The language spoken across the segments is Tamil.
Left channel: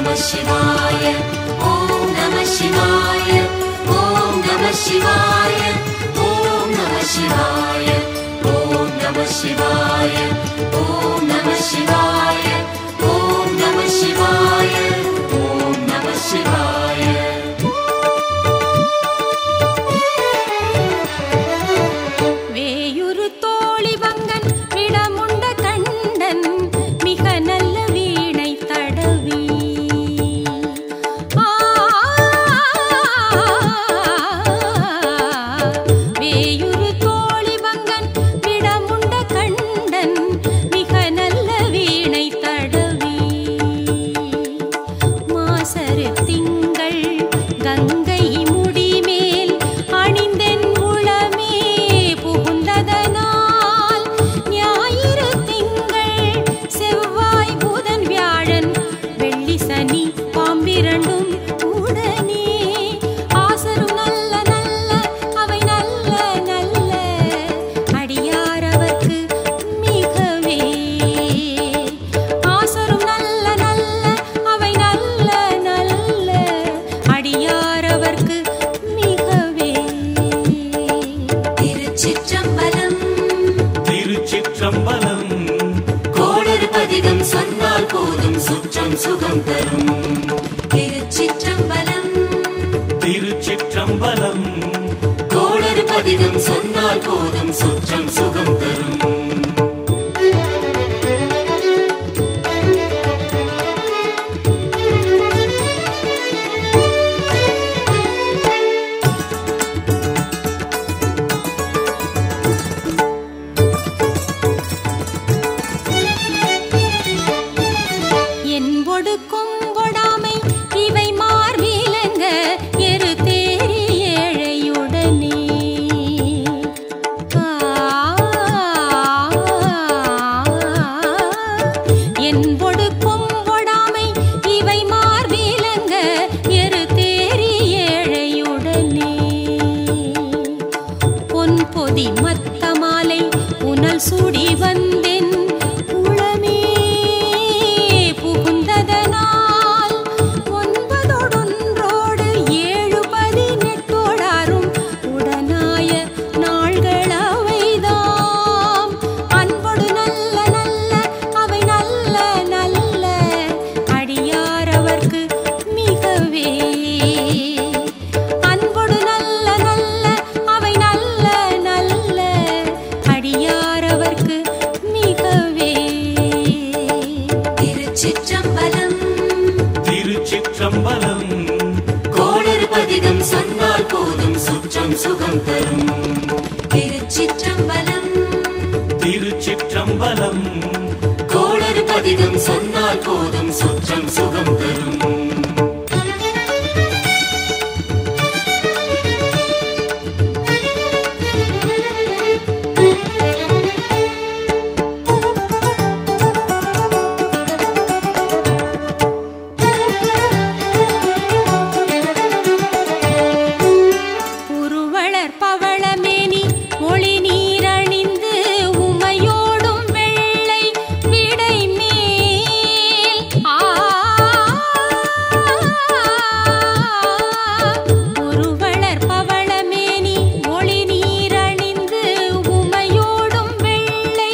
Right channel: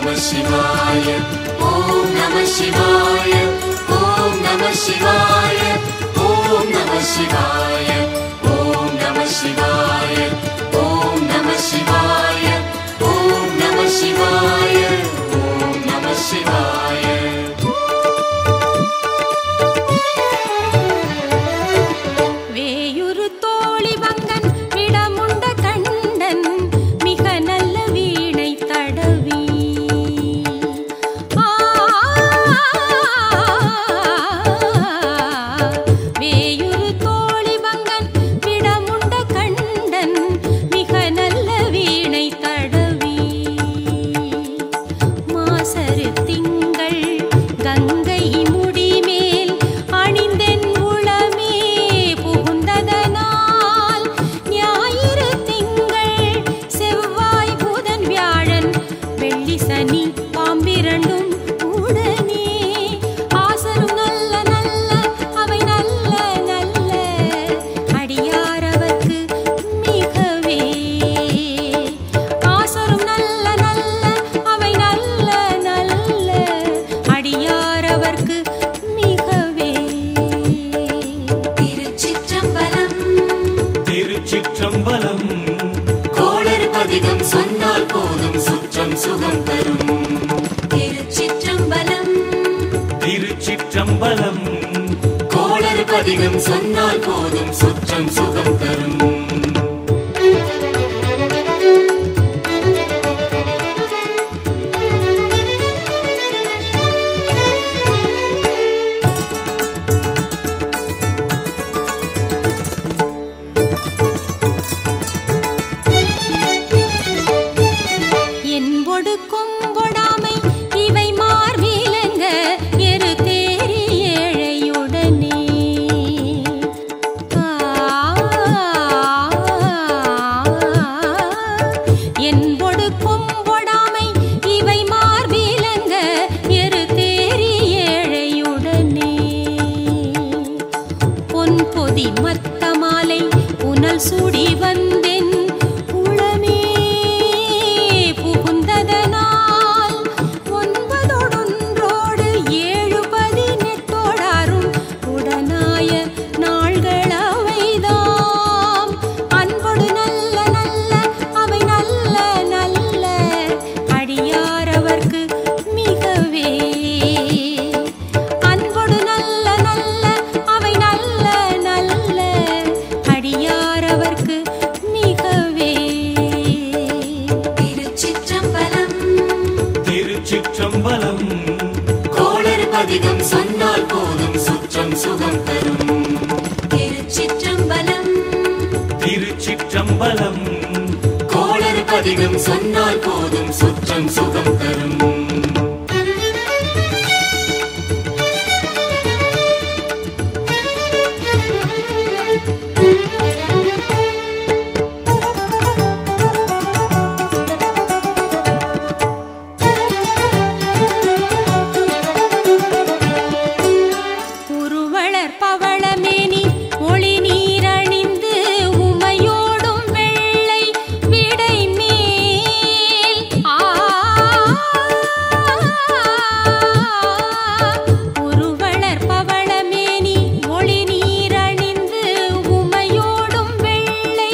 நம சிவாய ஓம் நம சிவாய ஓம் நம சிவாய ஓம் நம சிவாய ஓம் நம சிவாய ஓம் நம சிவாய ஓம் நம சிவாய ஓம் நம சிவாய. வேயுரு தோழி வங்கன் விடமுண்ட கண்டன் மிக நல்ல வீணை தடவி வேயுரு தோழி வங்கன் விடமுண்ட கண்டன் மிக நல்ல வீணை தடவி மாசரு திங்கள் கங்கை முடிமேல் அணிந்தென் உளமே புகுந்ததனால் ஞாயிறு திங்கள் செவ்வாய் புதன் வியாழன் வெள்ளி சனி பாம்பிரண்டும் உடனே ஆசரும் நல்ல நல்ல அவை நல்ல நல்ல அடியாரவர்க்கு மிகவே ஆசரும் நல்ல நல்ல அவை நல்ல நல்ல அடியாரவர்க்கு மிகவே. திருச்சிற்றம்பலம் திருச்சிற்றம்பலம் கோளறு பதிகம் சொன்னால் போதும் சுற்றம் சுகம் தரும். திருச்சிற்றம்பலம் திருச்சிற்றம்பலம் கோளறு பதிகம் சொன்னால் போதும் சுற்றம் சுகம் தரும். என்பொடு கொம்பொடாமை இவை மார்பிலங்க எரு தேரி ஏழையுடனே என்பொடு கொம்பொடாமை இவை மார்பிலங்க எரு தேரி ஏழையுடனே பொன் பொதி மத்த மாலை புனல் சூடி வந்தென் உளமே புகுந்ததனால் ஒன்பதொடொன்றோடு 7-18 உடனாய நாள்கள் அவைதாம் அன்பொடு நல்ல நல்ல அவை நல்ல நல்ல அடியாரவர்க்கு மிகவே அன்பொடு நல்ல நல்ல அவை நல்ல நல்ல அடியாரவர்க்கு மிகவே. திருச்சிற்றம்பலம் திருச்சிற்றம்பலம் கோளறு பதிகம் சொன்னால் போதும் சுற்றம் சுகம் தரும். திருச்சிற்றம்பலம் திருச்சிற்றம்பலம் கோளறு பதிகம் சொன்னால் போதும் சுற்றம் சுகம் தரும். உருவளர் பவளமேனி ஒளி நீரணிந்து உமையோடும் வெள்ளை விடை மேல் உருவளர் பவளமேனி ஒளி நீரணிந்து உமையோடும் வெள்ளை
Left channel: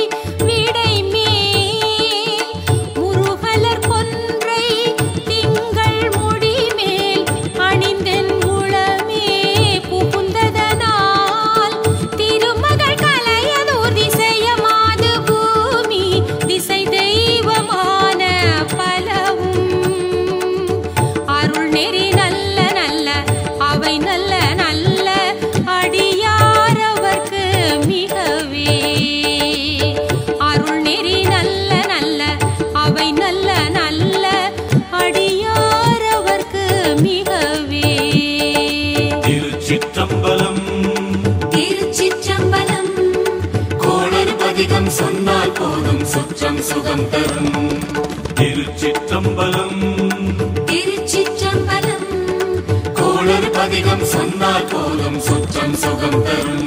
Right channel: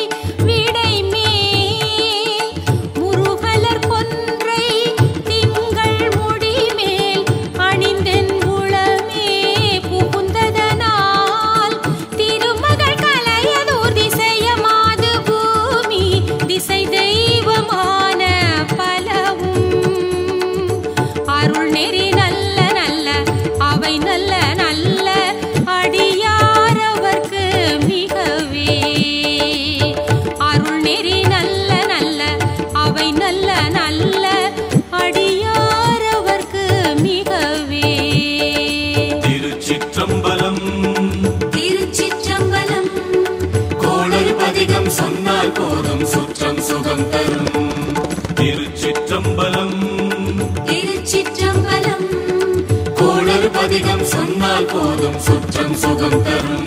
விடை மேல் முருகலர் கொன்றை திங்கள் முடிமேல் அணிந்தென் உளமே புகுந்ததனால் திருமகள் கலையதூர் திசையமாது பூமி திசை தெய்வமான பலவும் அருள் நெறி நல்ல நல்ல அவை நல்ல நல்ல அடியாரவர்க்கு மிகவே அருள் நெறி நல்ல நல்ல அவை நல்ல நல்ல அடியாரவர்க்கு மிகவே. திருச்சிற்றம்பலம் திருச்சிற்றம்பலம் கோளறு பதிகம் சொன்னால் போதும் சுற்றம் சுகம் தரும். திருச்சிற்றம்பலம் திருச்சிற்றம்பலம் கோளறு பதிகம் சொன்னால் போதும் சுற்றம் சுகம் தரும்.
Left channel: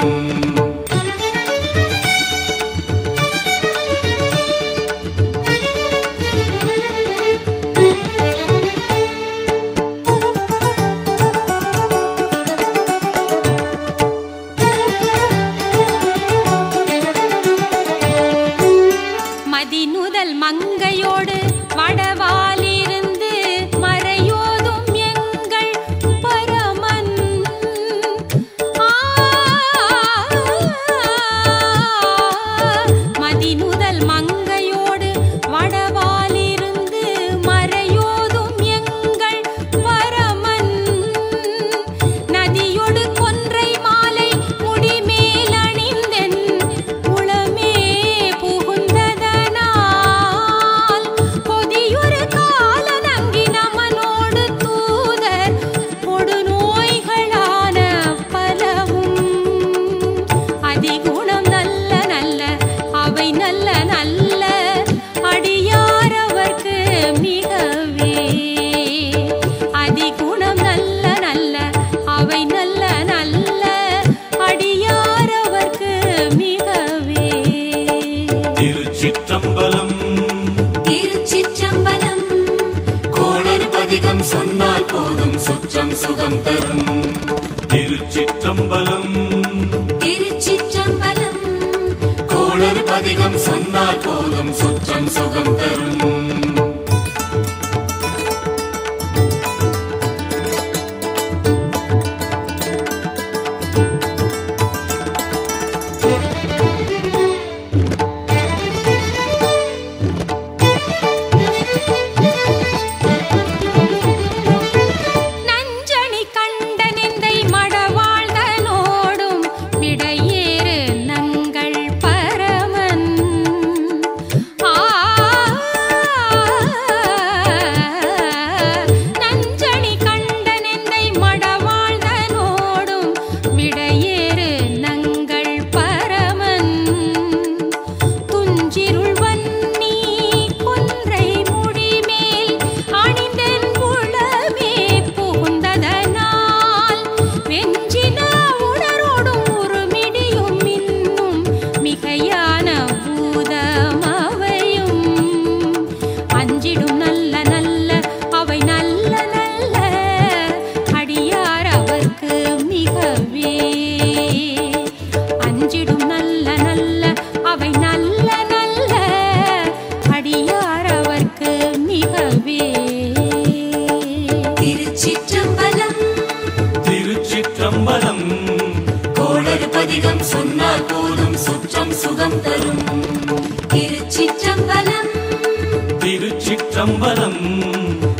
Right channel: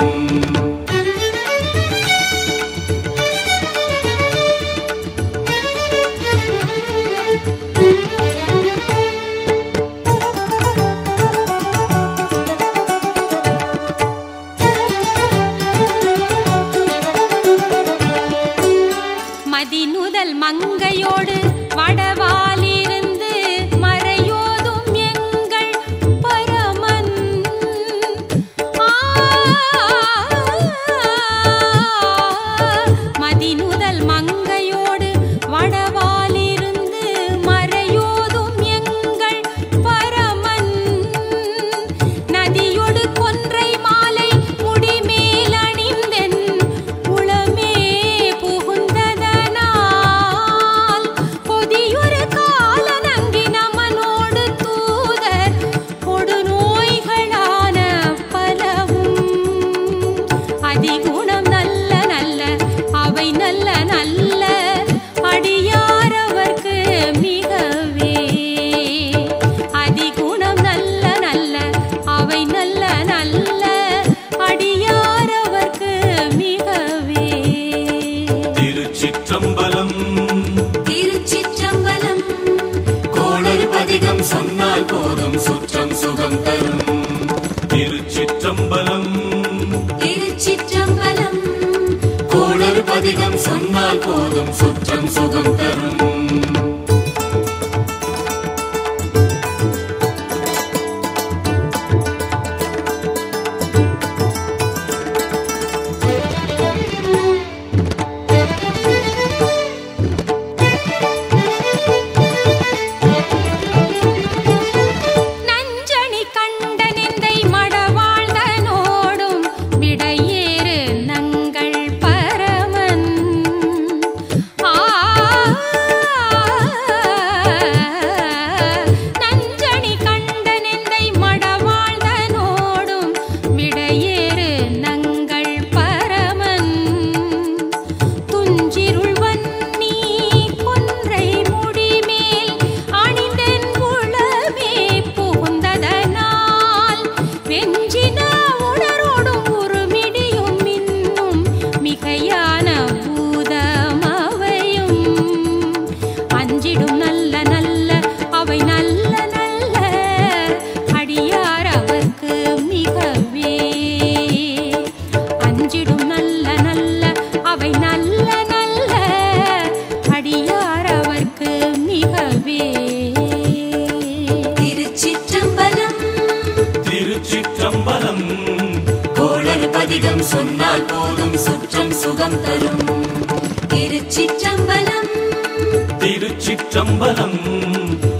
மிகவே. அதிகுணம் நல்ல நல்ல அவை நல்ல நல்ல அடியார் அவர்க்கு மிகவே. திருச்சிற்றம்பலம் திருச்சிற்றம்பலம். கோளறு பதிகம் சொன்னால் போதும் சுற்றம் சுகம் தரும். திருச்சிற்றம்பலம் திருச்சிற்றம்பலம். கோளறு பதிகம் சொன்னால் போதும் சுற்றம் சுகம் தரும். திருச்சிற்றம்பலம் திருச்சிற்றம்பலம். கோளறு பதிகம் சொன்னால் போதும் சுற்றம் சுகம் தரும். திருச்சிற்றம்பலம் திருச்சிற்றம்பலம்.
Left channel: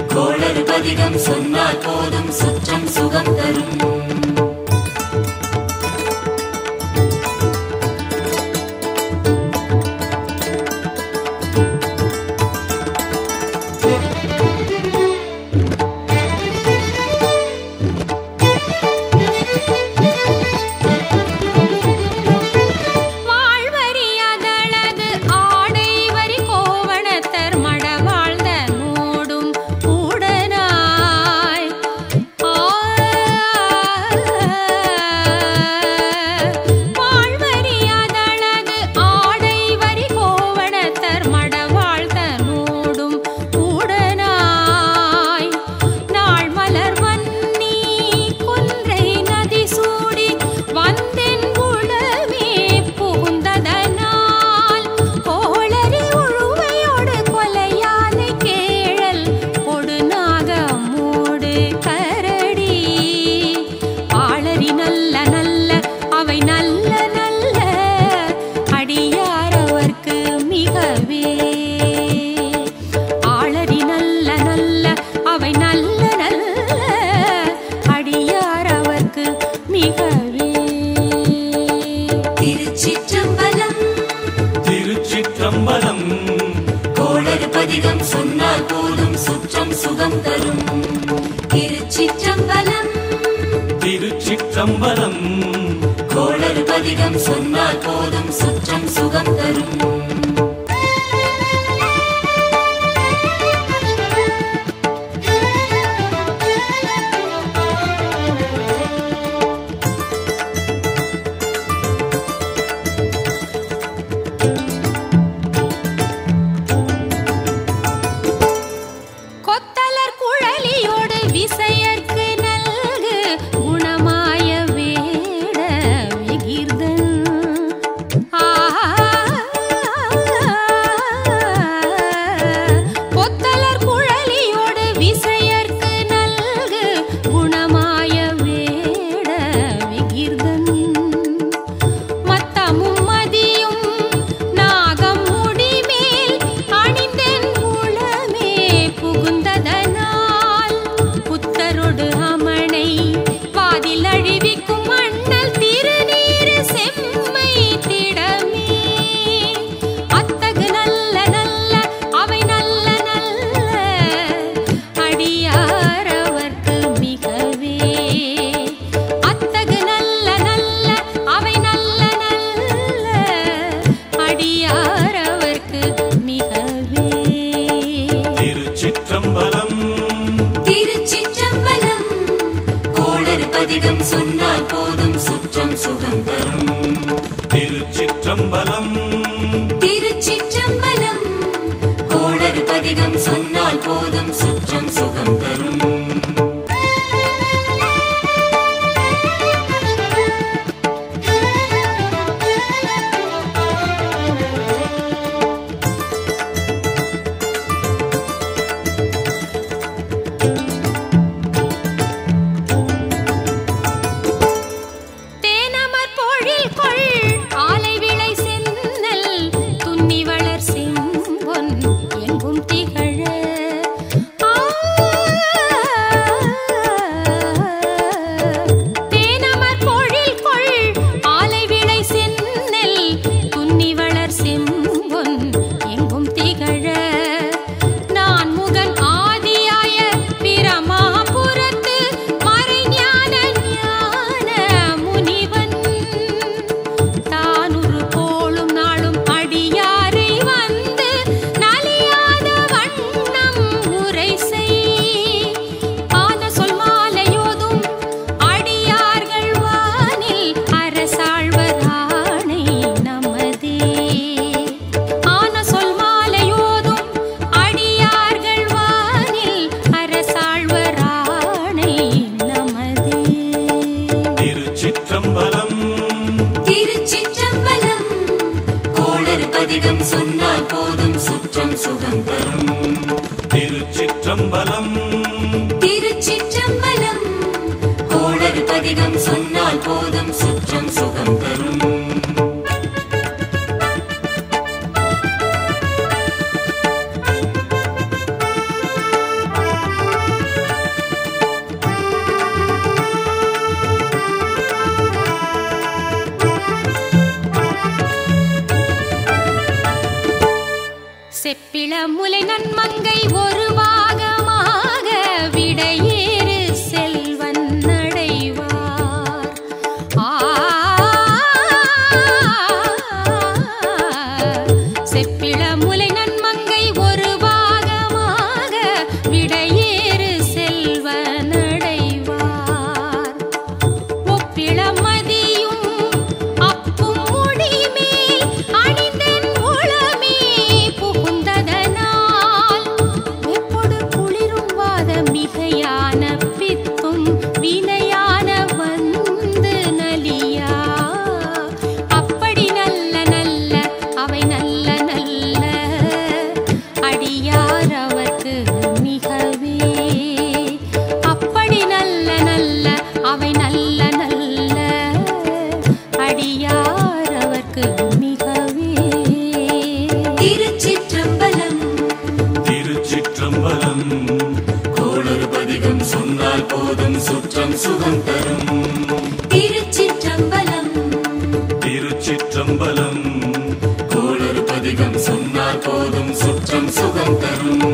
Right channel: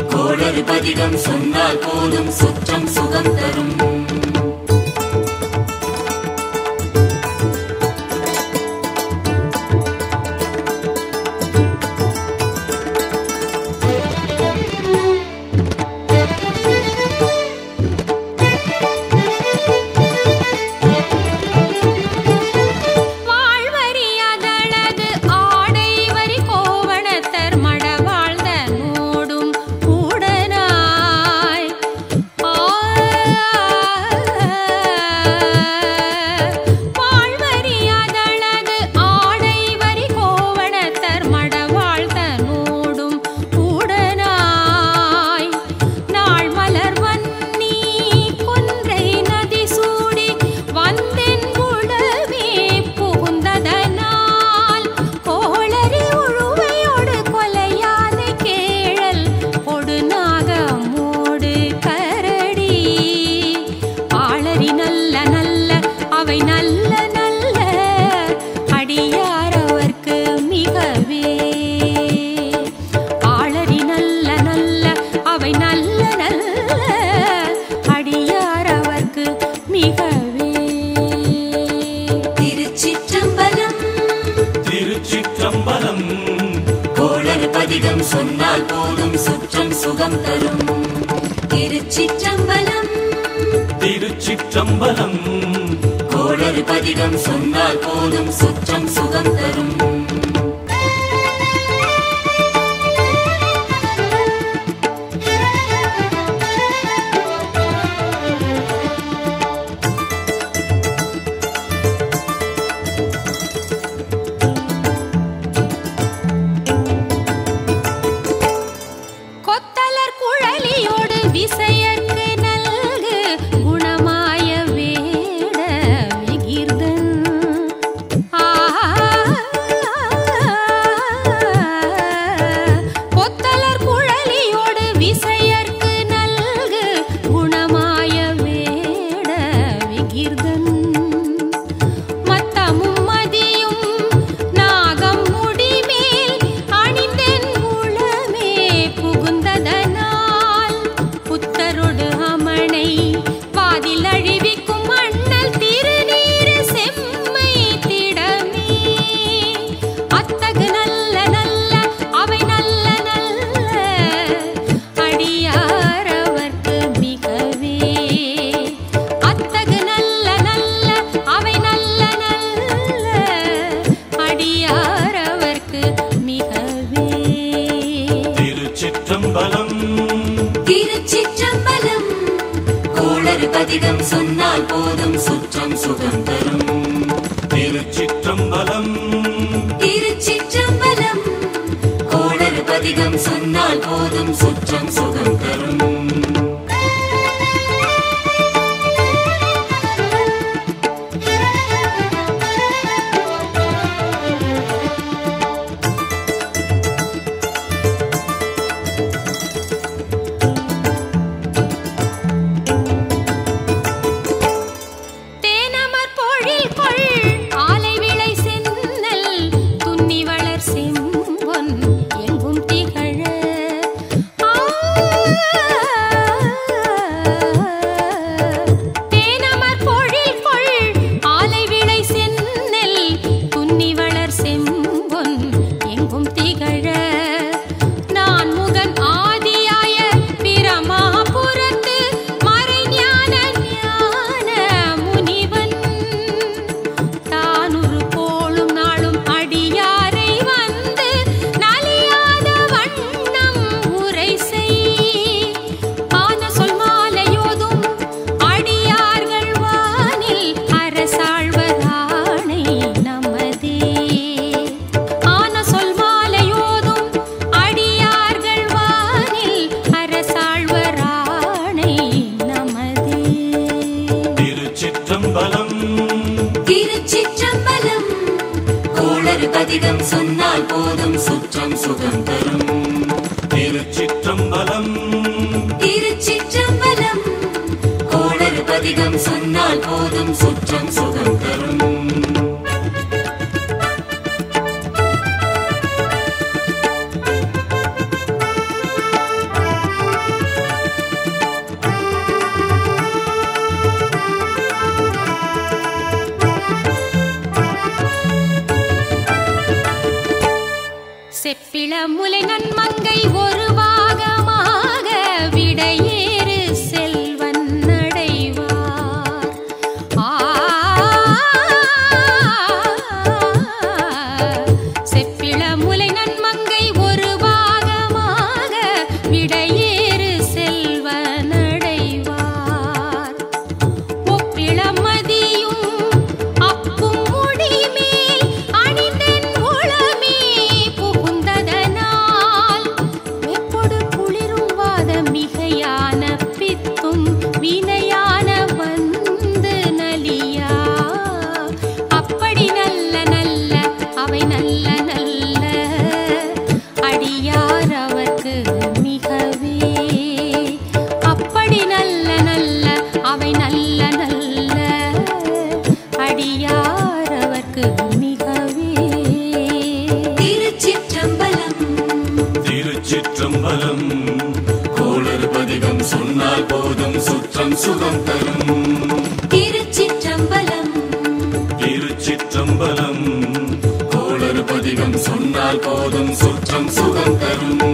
கோளறு பதிகம் சொன்னால் போதும் சுற்றம் சுகம் தரும். திருச்சிற்றம்பலம். கோளறு பதிகம் சொன்னால் போதும் சுற்றம் சுகம் தரும். திருச்சிற்றம்பலம் திருச்சிற்றம்பலம். கோளறு பதிகம் சொன்னால் போதும் சுற்றம் சுகம் தரும். விசையற்கு நல்கு குணமாய வேட விகிர்தன். பொத்தலர் குழலியோடு விசையற்கு நல்கு குணமாய வேட விகிர்தன். மத்தமும் மதியும் நாகம் முடிமேல் அணிந்தென் உளமே புகுந்ததனால் புத்தரு திருச்சிற்றம்பலம் திருச்சிற்றம்பலம் கோளறு பதிகம் சொன்னால் போதும் சுற்றம் சுகம் தரும் திருச்சிற்றம்பலம் திருச்சிற்றம்பலம் கோளறு பதிகம் சொன்னால் போதும் சுற்றம் சுகம் தரும் எங்கும் திகழ தேனமர் பொழில் கொள் ஆலை விளை சென்னல் துன்னி வளர் செம்பொன் எங்கும் திகழ நான் முகன் ஆதியாய பிரமாபுரத்து மறைஞான ஞான முனிவன் தானுரு போலும் நாளும் அடியாரை திருச்சிற்றம்பலம் கோளறு பதிகம் சொன்னால் போதும் சுற்றம் சுகம் தரும் திருச்சிற்றம்பலம் திருச்சிற்றம்பலம் கோளறு பதிகம் சொன்னால் போதும் சுற்றம் சுகம் தரும் செப்பிள முலை நன்மங்கை ஒரு பாகமாக விடையேறு செல்வன் அடைவார் செப்பிள முலை நன்மங்கை ஒரு பாகமாக விடையேறு செல்வன் அடைவார் ஒப்பிள மதியும் அப்பும் முடிமேல் அணிந்தன் உளமே மிகையான பித்தும் வினையான வந்து நலியா அப்படி நல்ல நல்ல அவை நல்ல நல்ல அடியார் அவர்க்கு மிகவே அப்படி நல்ல நல்ல அவை நல்ல நல்ல அடியார் அவர்க்கு மிகவே திருச்சிற்றம்பலம் திருச்சிற்றம்பலம் கோளறு பதிகம் சொன்னால் போதும் சுற்றம் சுகம் தரும் திருச்சிற்றம்பலம் திருச்சிற்றம்பலம் கோளறு பதிகம் சொன்னால் போதும் சுற்றம் சுகம் தரும்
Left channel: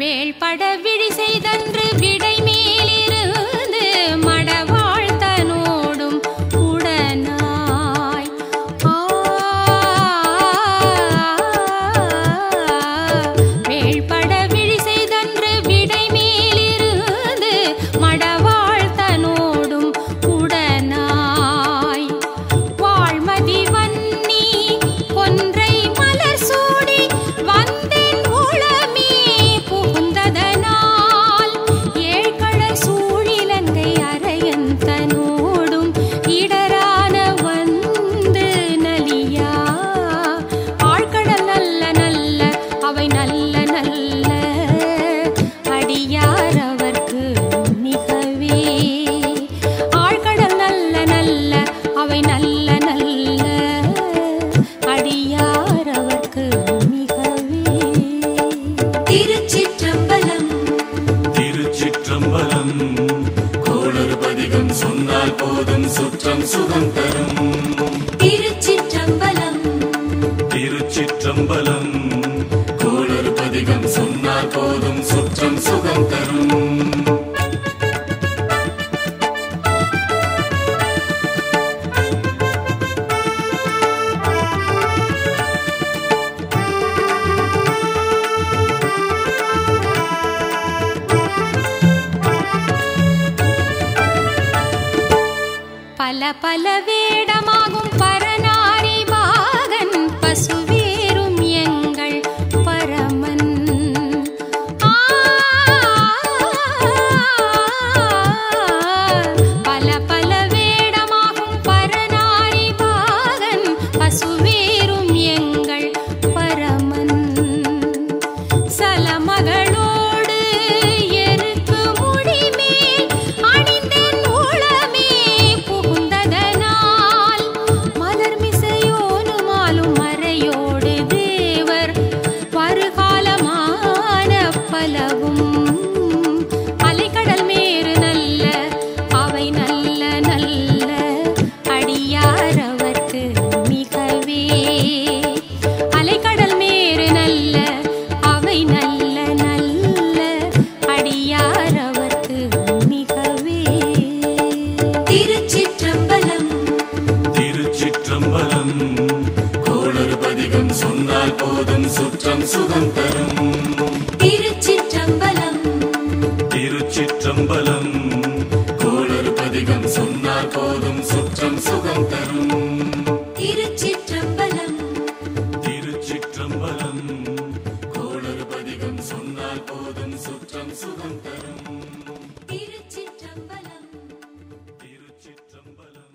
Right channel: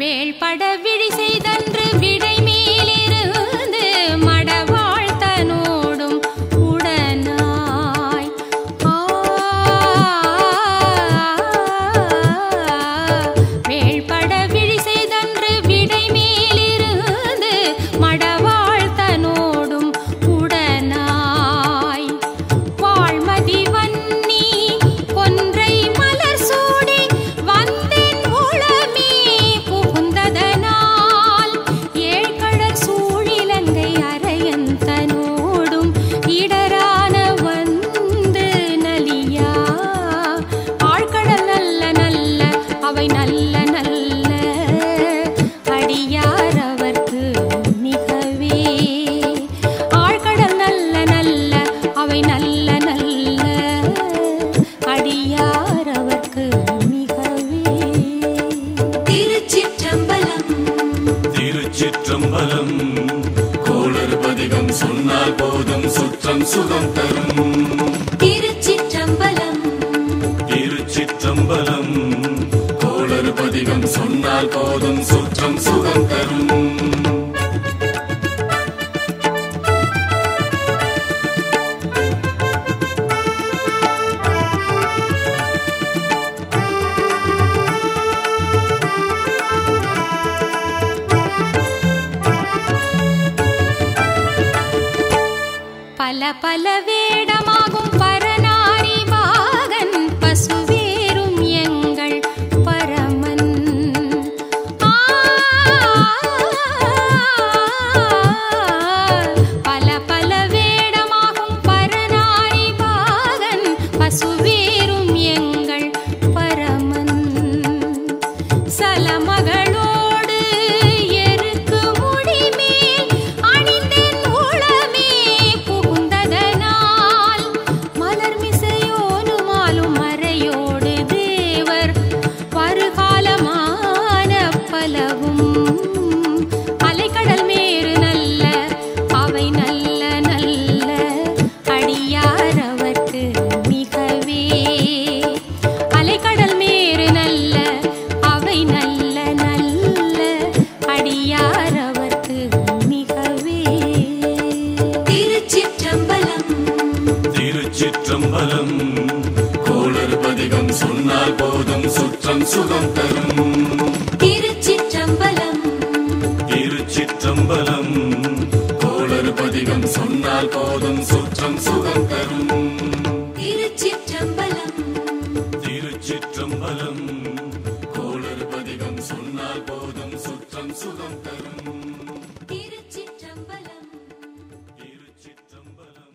வேள்பட விழி செய்தன்று விடை மேலிருந்து மடவாழ்த்தனோடும் உடனாய் வேள்பட விழி செய்தன்று விடை மேலிருந்து மடவாழ்த்தனோடும் உடனாய் வாழ்மதி வன்னி கொன்றை மலர் சூடி வந்தேன் உளமே புகுந்ததனால் ஏழ்கடல் சூழிலங்கை அரையந்தனோடும் இடரான வந்து நலியா ஆழ்கடல் நல்ல நல்ல அவை நல்ல நல்ல அடியார் அவர்க்கு மிகவே ஆழ்கடல் நல்ல நல்ல அவை நல்ல நல்ல அடியார் அவர்க்கு மிகவே திருச்சிற்றம்பலம் திருச்சிற்றம்பலம் கோளறு பதிகம் சொன்னால் போதும் சுற்றம் சுகம் தரும் திருச்சிற்றம்பலம் திருச்சிற்றம்பலம் சொன்னால் போதும் சுற்றம் சுகம் தரும். பல பல வேடமாகும் பரநாரி பாகன் பசுவேறும் எங்கள் பரமன். பல பல வேடமாகும் பரநாரி பாகன் பசுவேறும் எங்கள் பரமன். சலமகளோடு எருக்கு முடிமேல் அணிந்தேன் உளமே புகுந்ததனால் மலர்மிசையோனுமாலும் மறையோடு தேவர் வருகாலமான பலவும் அலைக்கடல் மேறு நல்ல அவை நல்ல நல்ல அடியாரவர்க்கு மிகவே. அலைக்கடல் மேறு நல்ல அவை நல்ல நல்ல அடியாரவர்க்கு மிகவே. திருச்சிற்றம்பலம் திருச்சிற்றம்பலம் கோளறு பதிகம் சொன்னால் போதும் சுற்றம் சுகம் தரும். திருச்சிற்றம்பலம் திருச்சிற்றம்பலம் கோளறு பதிகம் சொன்னால் போதும் சுற்றம் சுகம் தரும். திருச்சிற்றம்பலம் திருச்சிற்றம்பலம் கோளறு பதிகம் சொன்னால் போதும் சுற்றம் சுகம் தரும். திருச்சிற்றம்பலம் திருச்சிற்றம்பலம்.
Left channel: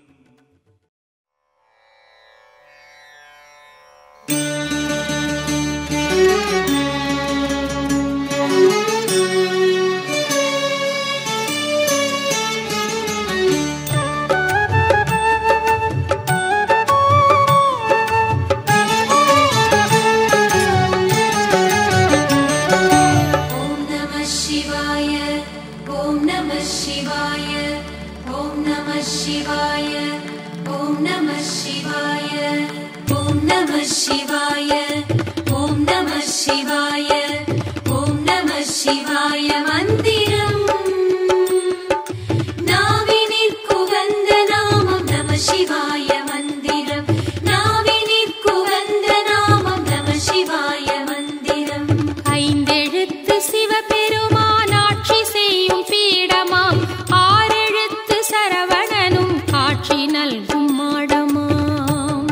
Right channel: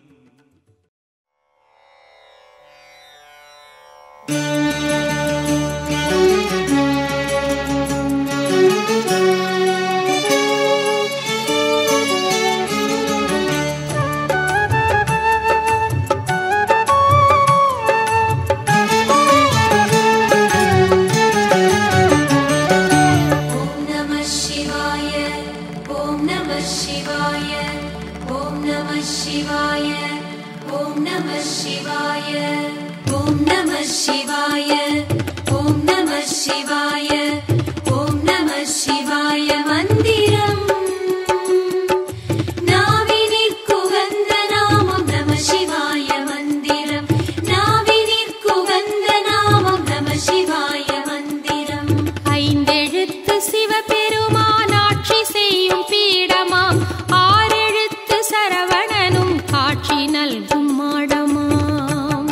ஓம் நம சிவாய ஓம் நம சிவாய ஓம் நம சிவாய ஓம் நம சிவாய ஓம் நம சிவாய ஓம் நம சிவாய ஓம் நம சிவாய மந்திரம் நாவினிற்குகந்த நாமம் நம சிவாய மந்திரம் நாவினிற்குகந்த நாமம் நம சிவாய மந்திரம். ஐந்தெழுத்து சிவபெருமான் ஆட்சி செய்யும் பீடமாம் ஆறெழுத்து சரவணனும் காட்சி நல்கும் மாடமாம்.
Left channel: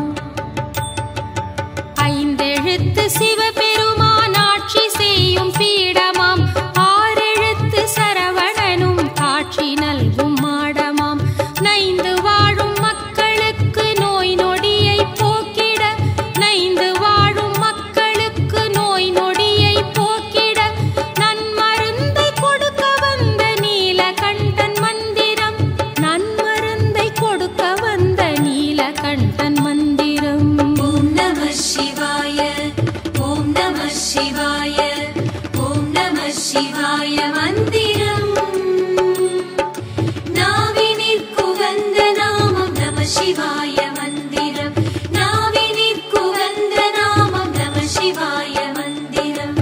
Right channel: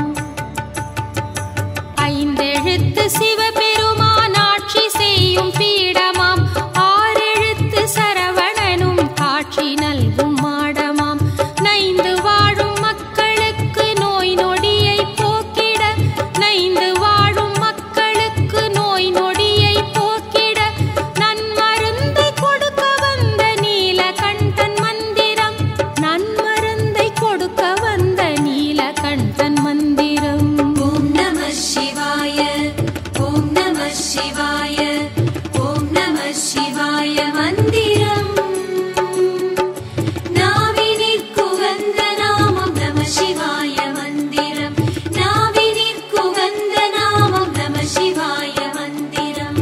ஐந்தெழுத்து சிவபெருமான் ஆட்சி செய்யும் பீடமாம் ஆறெழுத்து சரவணனும் காட்சி நல்கும் மாடமாம். நைந்து வாழும் மக்களுக்கு நோய் நொடியை போக்கிட நைந்து வாழும் மக்களுக்கு நோய் நொடியை போக்கிட நன்மருந்தை கொடுக்க வந்த நீலகண்டன் மந்திரம். நன்மருந்தை கொடுக்க வந்த நீலகண்டன் மந்திரம். ஓம் நம சிவாய ஓம் நம சிவாய ஓம் நம சிவாய மந்திரம் நாவினிற்குகந்த நாமம் நம சிவாய மந்திரம் நாவினிற்குகந்த நாமம் நம சிவாய மந்திரம்.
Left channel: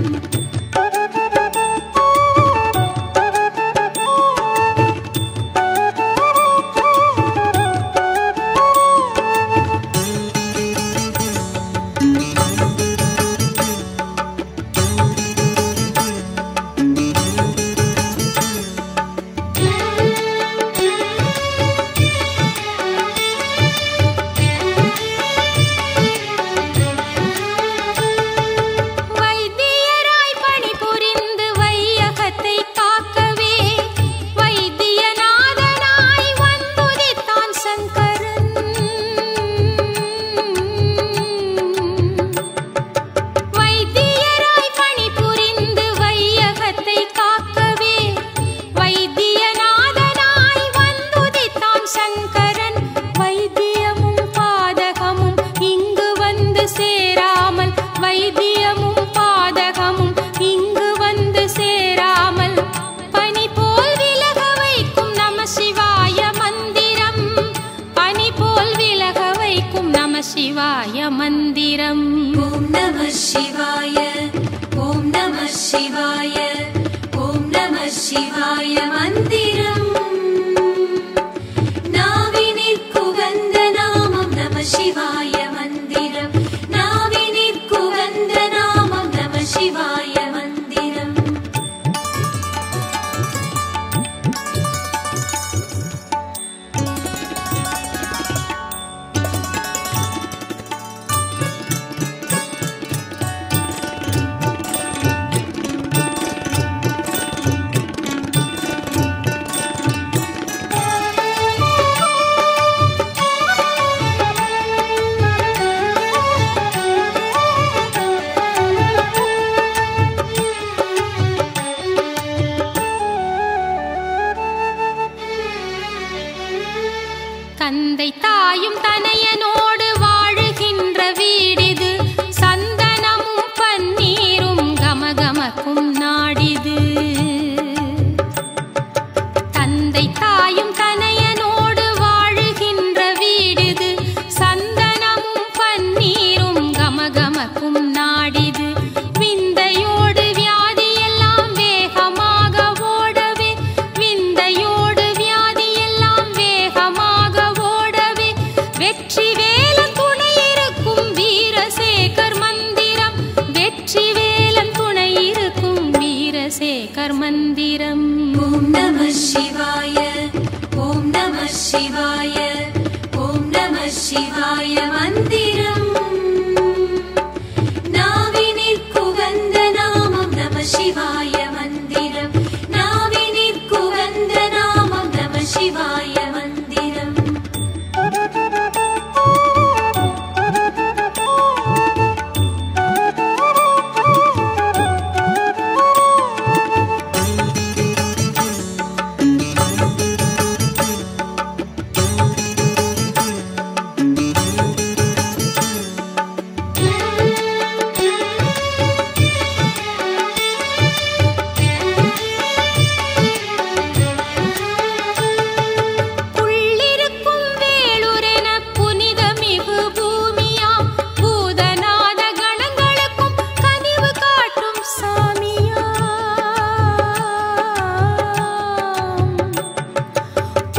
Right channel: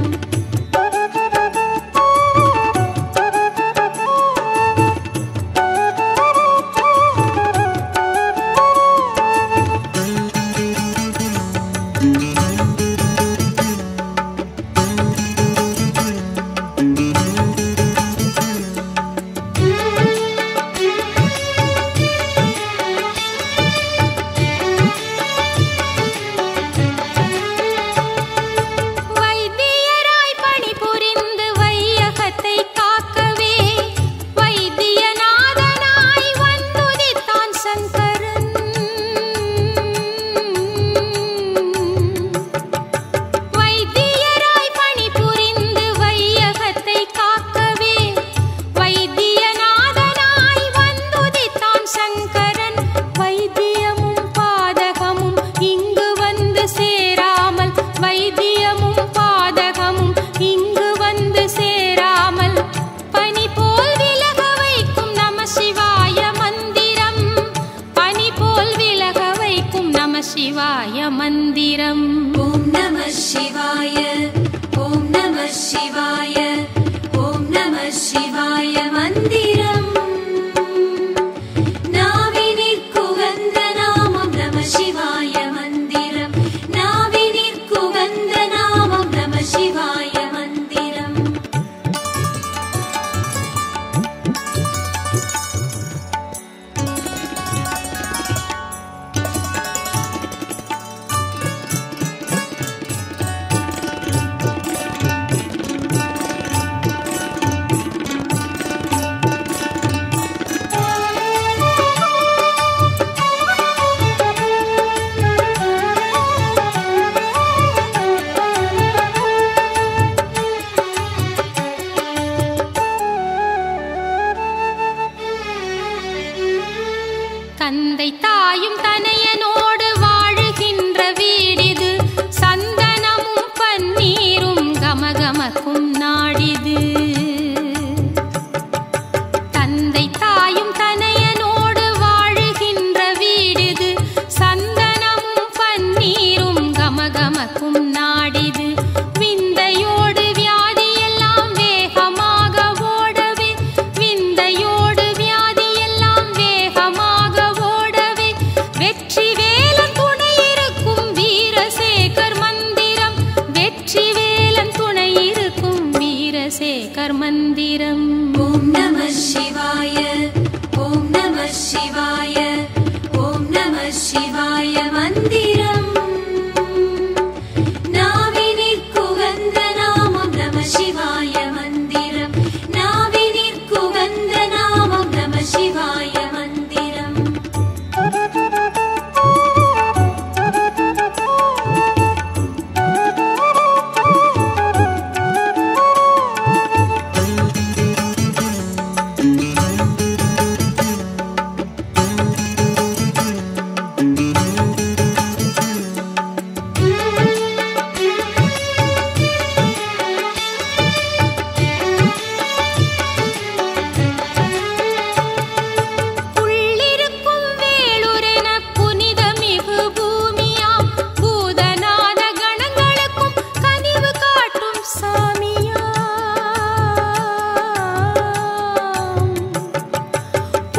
வைத்தியராய் பணிபுரிந்து வையகத்தை காக்கவே வைத்தியநாதனாய் வந்துதித்தான் சங்கரன். வைத்தியராய் பணிபுரிந்து வையகத்தை காக்கவே வைத்தியநாதனாய் வந்துதித்தான் சங்கரன். வைத்தியமும் பாதகமும் இங்கு வந்து சேராமல் வைத்தியமும் பாதகமும் இங்கு வந்து சேராமல் பனி போல் விலக வைக்கும் நம சிவாய மந்திரம். பனி போல் விலக வைக்கும் நம சிவாய மந்திரம். ஓம் நம சிவாய ஓம் நம சிவாய ஓம் நம சிவாய மந்திரம் நாவினிற்குகந்த நாமம் நம சிவாய மந்திரம் நாவினிற்குகந்த நாமம் நம சிவாய மந்திரம் தந்தை தாயும் தனையனோடு வாழுகின்ற வீடிது சந்தனமும் பன்னீரும் கமகமக்கும் நாடிது தந்தை தாயும் தனையனோடு வாழுகின்ற வீடிது சந்தனமும் பன்னீரும் கமகமக்கும் நாடிது விந்தையோடு வியாதியெல்லாம் வேகமாக ஓடவே விந்தையோடு வியாதியெல்லாம் வேகமாக ஓடவே வெற்றி வேலன் துணை இருக்கும் வீரசேகர் மந்திரம் வெற்றி வேலன் துணை இருக்கும் வீரசேகர் மந்திரம் ஓம் நம சிவாய ஓம் நம சிவாய ஓம் நம சிவாய மந்திரம் நாவினிற்குகந்த நாமம் நம சிவாய மந்திரம் நாவினிற்குகந்த நாமம் நம சிவாய மந்திரம் உள்ளிருக்கும் வேளுரென புனிதமிகு பூமியாம் பூதநாத கணங்களுக்கும் கனிவு காட்டும் சாமியாம்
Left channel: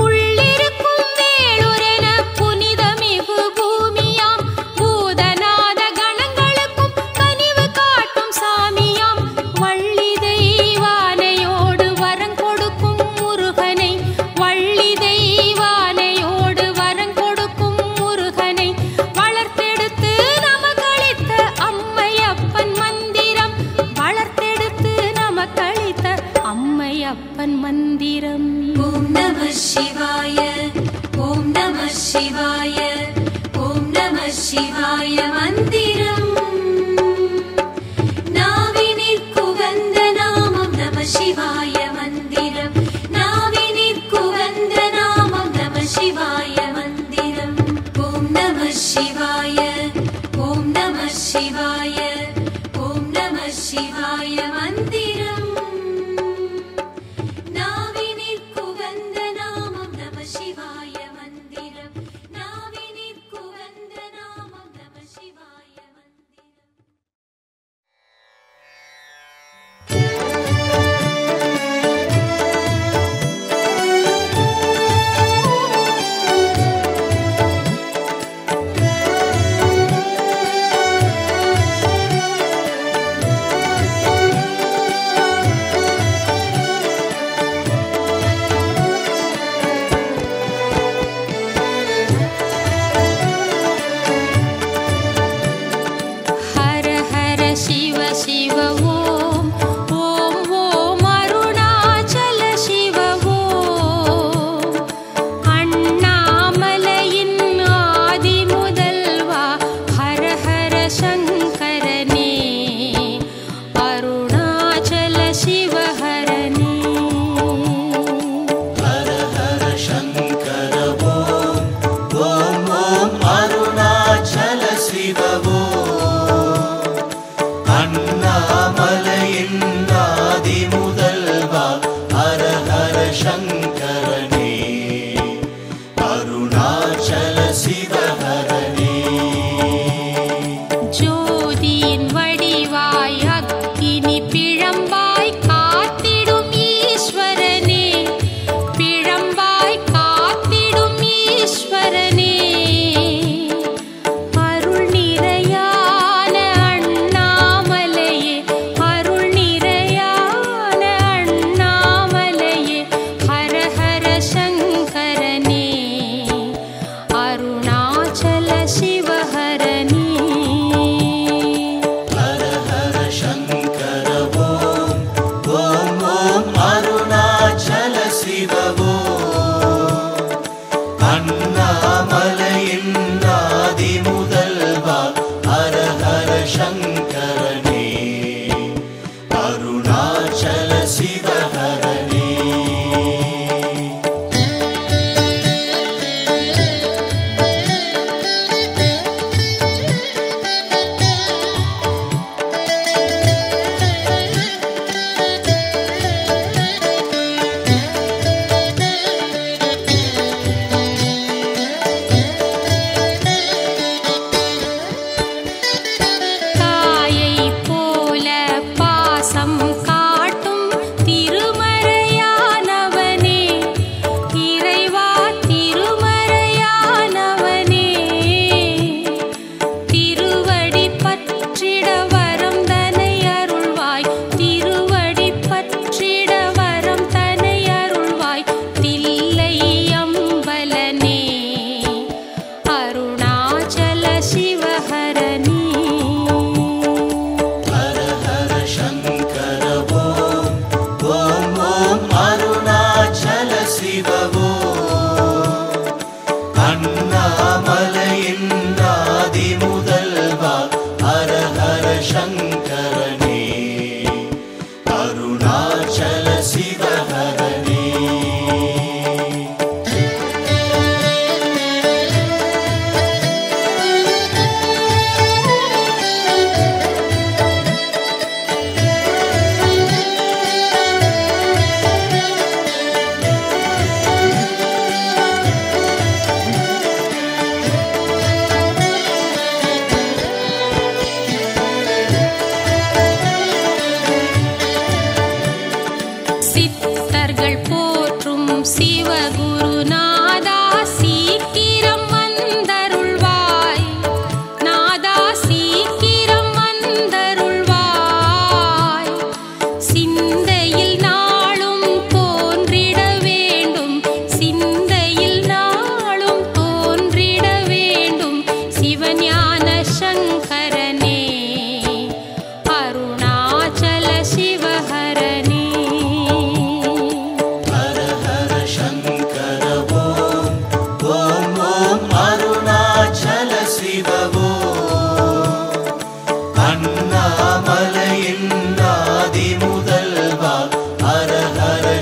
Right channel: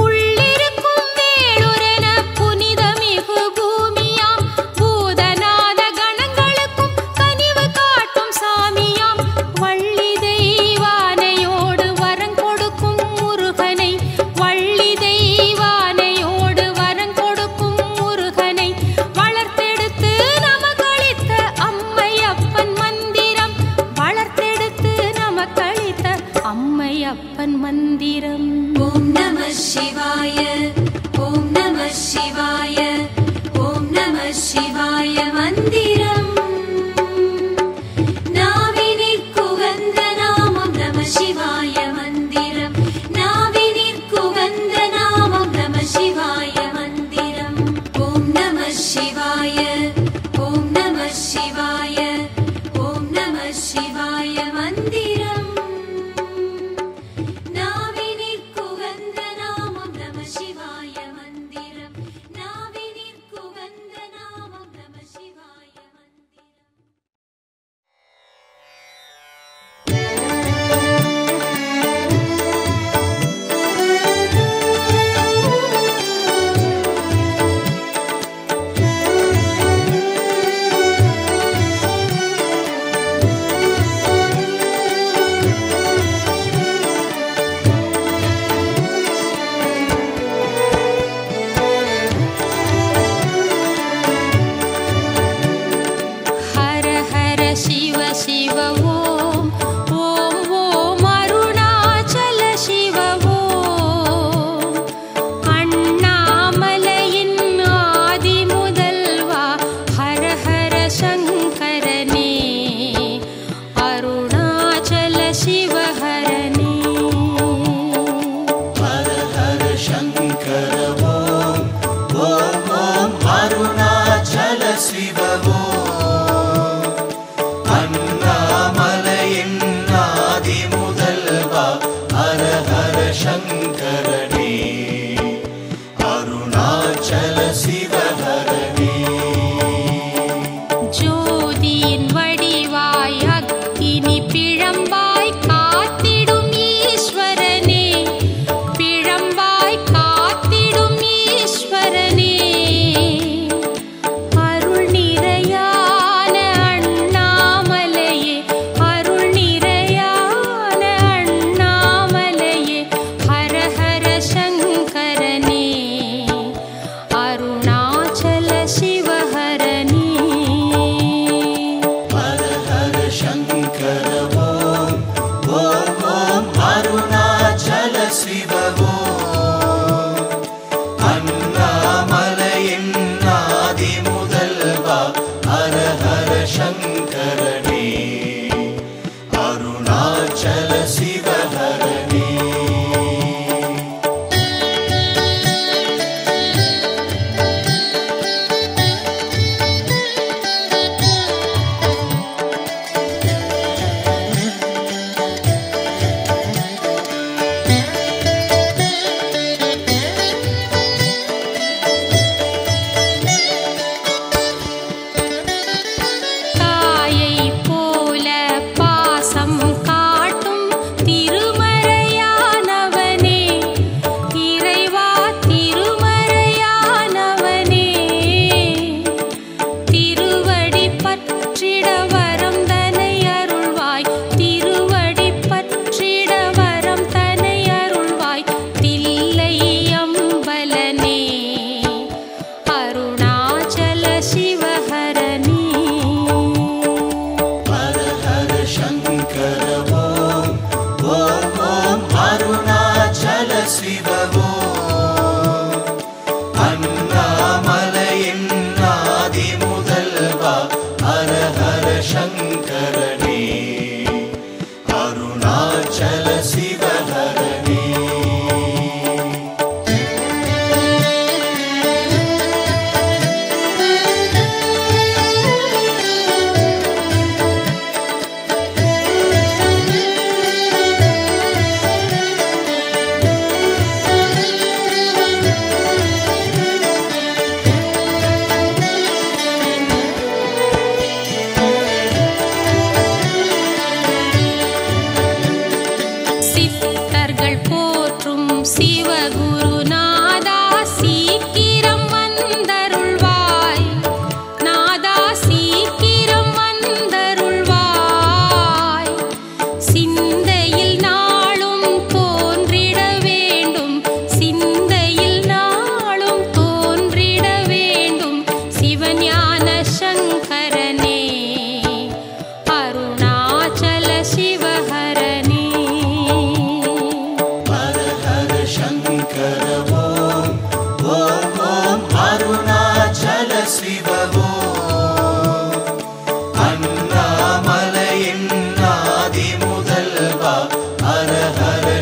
உள்ளிருக்கும் வேளுரென புனிதமிகு பூமியாம் பூதநாத கணங்களுக்கும் கனிவு காட்டும் சாமியாம் வள்ளி தெய்வானையோடு வரங் கொடுக்கும் முருகனை வள்ளி தெய்வானையோடு வரங் கொடுக்கும் முருகனை வளர்த்தெடுத்து நமக்களித்த அம்மையப்பன் மந்திரம் வளர்த்தெடுத்து நமக்களித்த அம்மையப்பன் மந்திரம் ஓம் நம சிவாய ஓம் நம சிவாய ஓம் நம சிவாய மந்திரம் நாவினிற்குகந்த நாமம் நம சிவாய மந்திரம் நாவினிற்குகந்த நாமம் நம சிவாய மந்திரம் ஓம் நம சிவாய ஓம் நம சிவாய ஓம் நம சிவாய மந்திரம் நாவினிற்குகந்த நாமம் நம சிவாய மந்திரம் நாவினிற்குகந்த நாமம் நம சிவாய மந்திரம்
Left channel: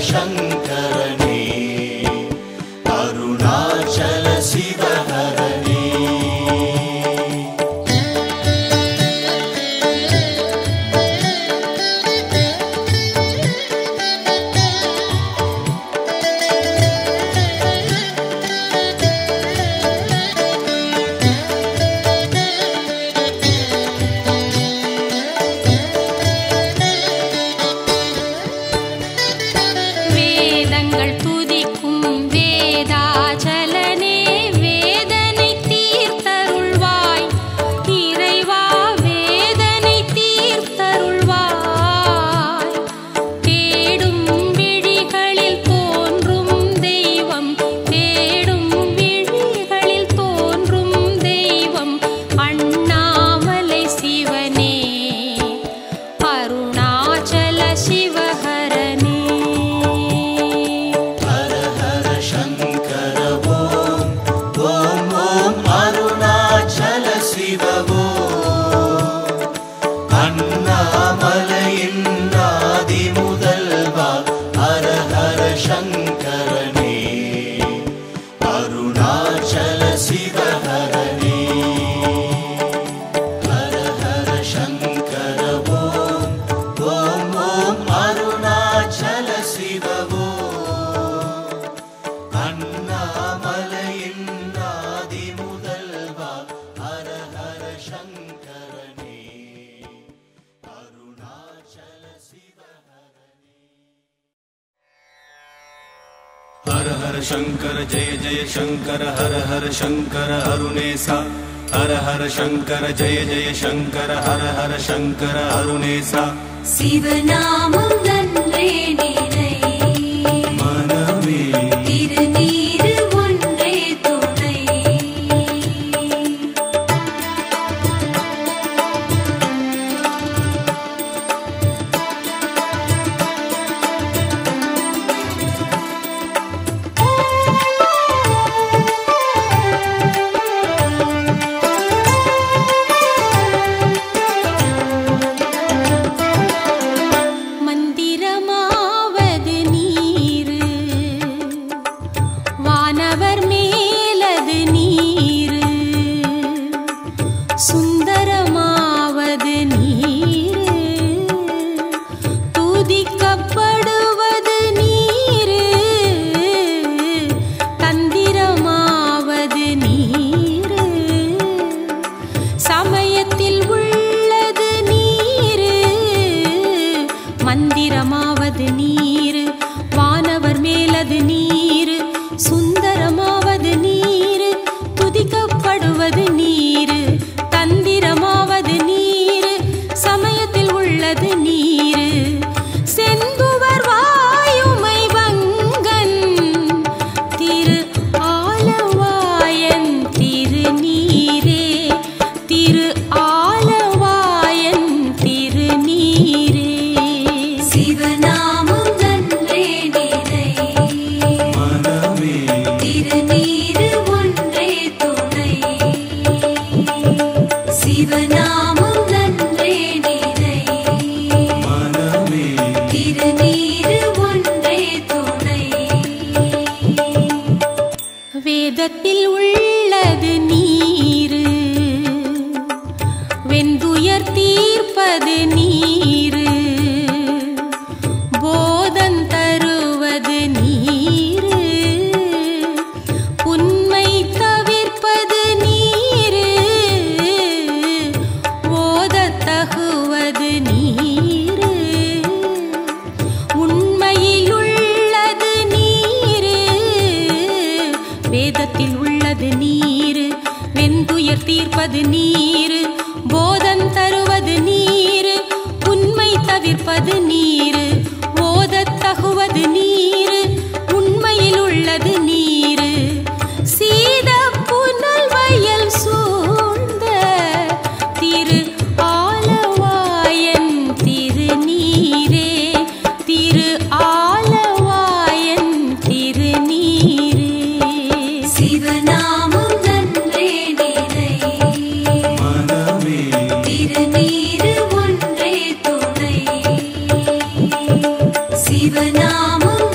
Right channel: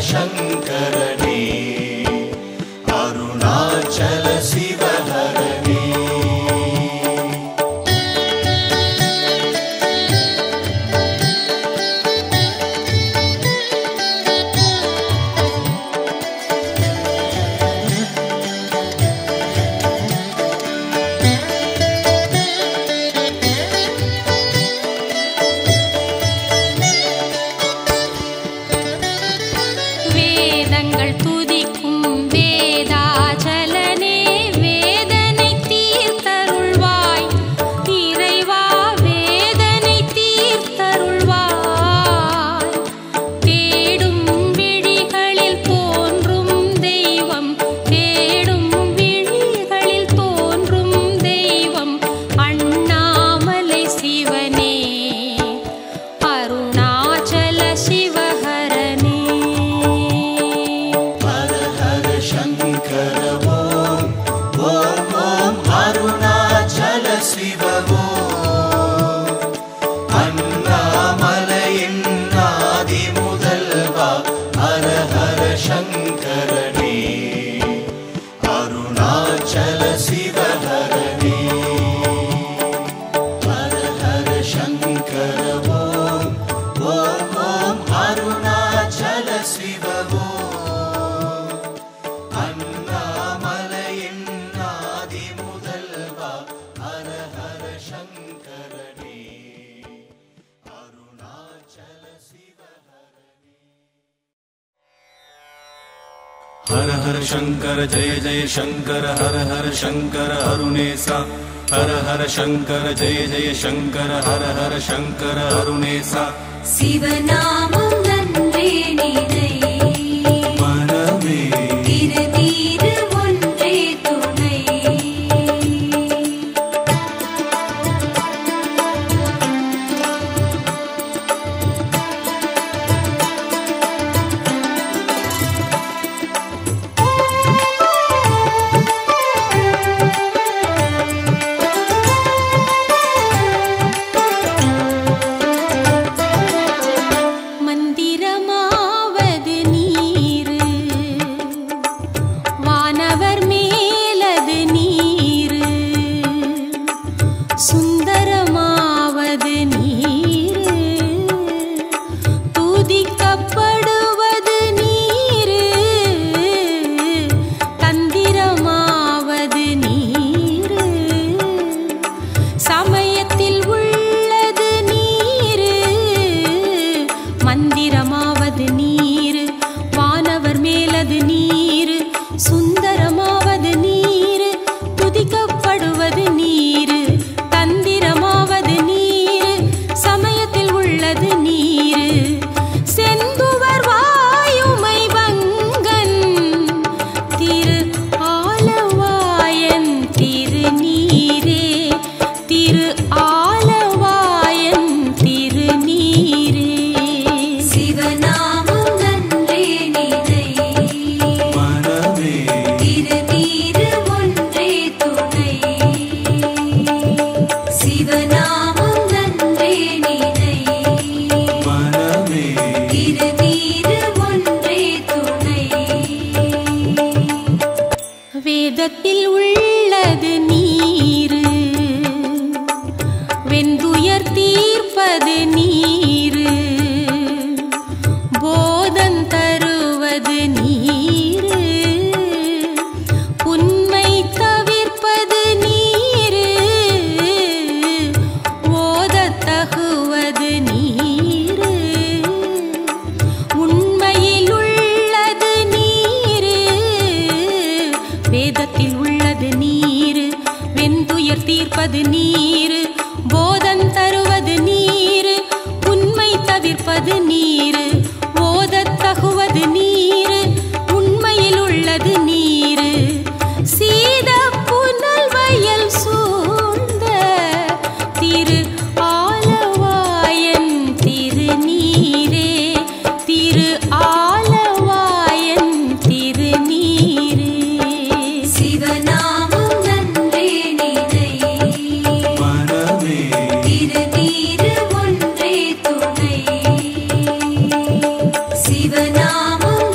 शङ्करने अरुणाचल शिवहरने வேதங்கள் துதிக்கும் வேதாச்சலனே வேதனை தீர்த்தருள்வாய் இறைவா வேதனை தீர்த்தருள்வாய் தேடும் விழிகளில் தோன்றும் தெய்வம் தேடும் விழிகளில் தோன்றும் தெய்வம் அண்ணாமலை சிவனே அருணாச்சல சிவஹரனே शङ्करने अरुणाचल शिवहरने हर हर शङ्कर ॐ अरुणाचल शिव अन्नामलयिन् आदिमुदल्वा हर हर शङ्करने अरुणाचल शिवहरने हर हर शंकर जय जय शंकर हर हर शंकर अरुणेसा हर हर शंकर जय जय शंकर हर हर शंकर अरुणेसा சிவநாமம் நன்றே நிறை मनमे திருநீறு ஒன்றே துணை மந்திரமாவது நீரு வானவர் மேலது நீரு சுந்தரமாவது நீரு துதிக்கப்படுவது நீரு தந்திரமாவது நீரு சமயத்தில் உள்ளது நீரு மந்திரமாவது நீரு வானவர் மேலது நீரு சுந்தரமாவது நீரு துதிக்கப்படுவது நீரு தந்திரமாவது நீரு சமயத்தில் உள்ளது நீரு செந்துவர் வாயுமை வங்கன் திரு ஆலவாயன் திருநீரே திரு ஆலவாயன் திருநீரே சிவநாமம் நன்றே நிறை मनमे திருநீறு ஒன்றே துணை சிவநாமம் நன்றே நிறை मनमे திருநீறு ஒன்றே துணை வேதத்தில் உள்ளது நீரு வெந்துயர் தீர்ப்பது நீரு போதன் தருவது நீரு உண்மை தவிர்ப்பது நீரு ஓதத் தகுவது நீரு உண்மையில் உள்ளது நீரு வேதத்தில் உள்ளது நீரு வெந்துயர் தீர்ப்பது நீரு போதன் தருவது நீரு உண்மை தவிர்ப்பது நீரு ஓதத் தகுவது நீரு உண்மையில் உள்ளது நீரு சீத புனல் வயல் சூழ்ந்த திரு ஆலவாயன் திருநீரே திரு ஆலவாயன் திருநீரே சிவநாமம் நன்றே நிறை मनमे திருநீறு ஒன்றே துணை சிவநாமம்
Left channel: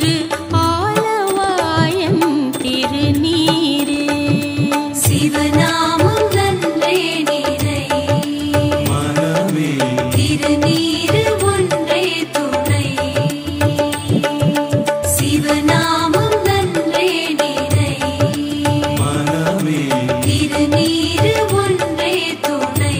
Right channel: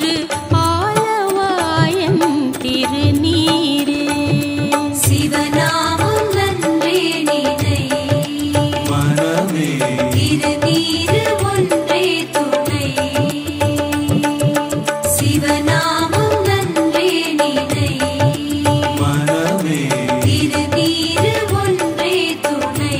திரு ஆலவாயன் திருநீரே. சிவநாமம் நன்றே நினை மனமே திருநீரு ஒன்றே துணை. சிவநாமம் நன்றே நினை மனமே திருநீரு ஒன்றே துணை.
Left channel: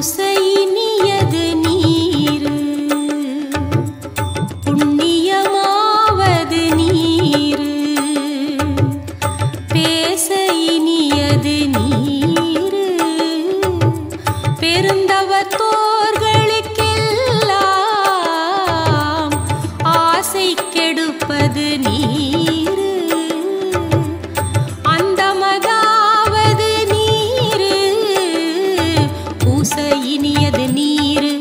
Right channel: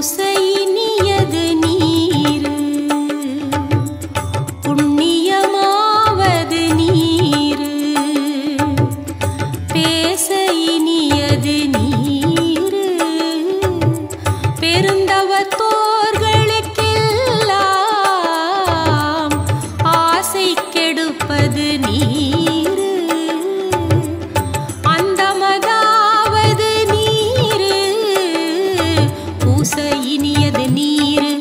பூசையினியது நீரு புண்ணியமாவது நீரு. பேசையினியது நீரு பெருந்தவத்தோர்களுக்கெல்லாம் ஆசை கெடுப்பது நீரு. அந்தமதாவது நீரு பூசையினியது நீரு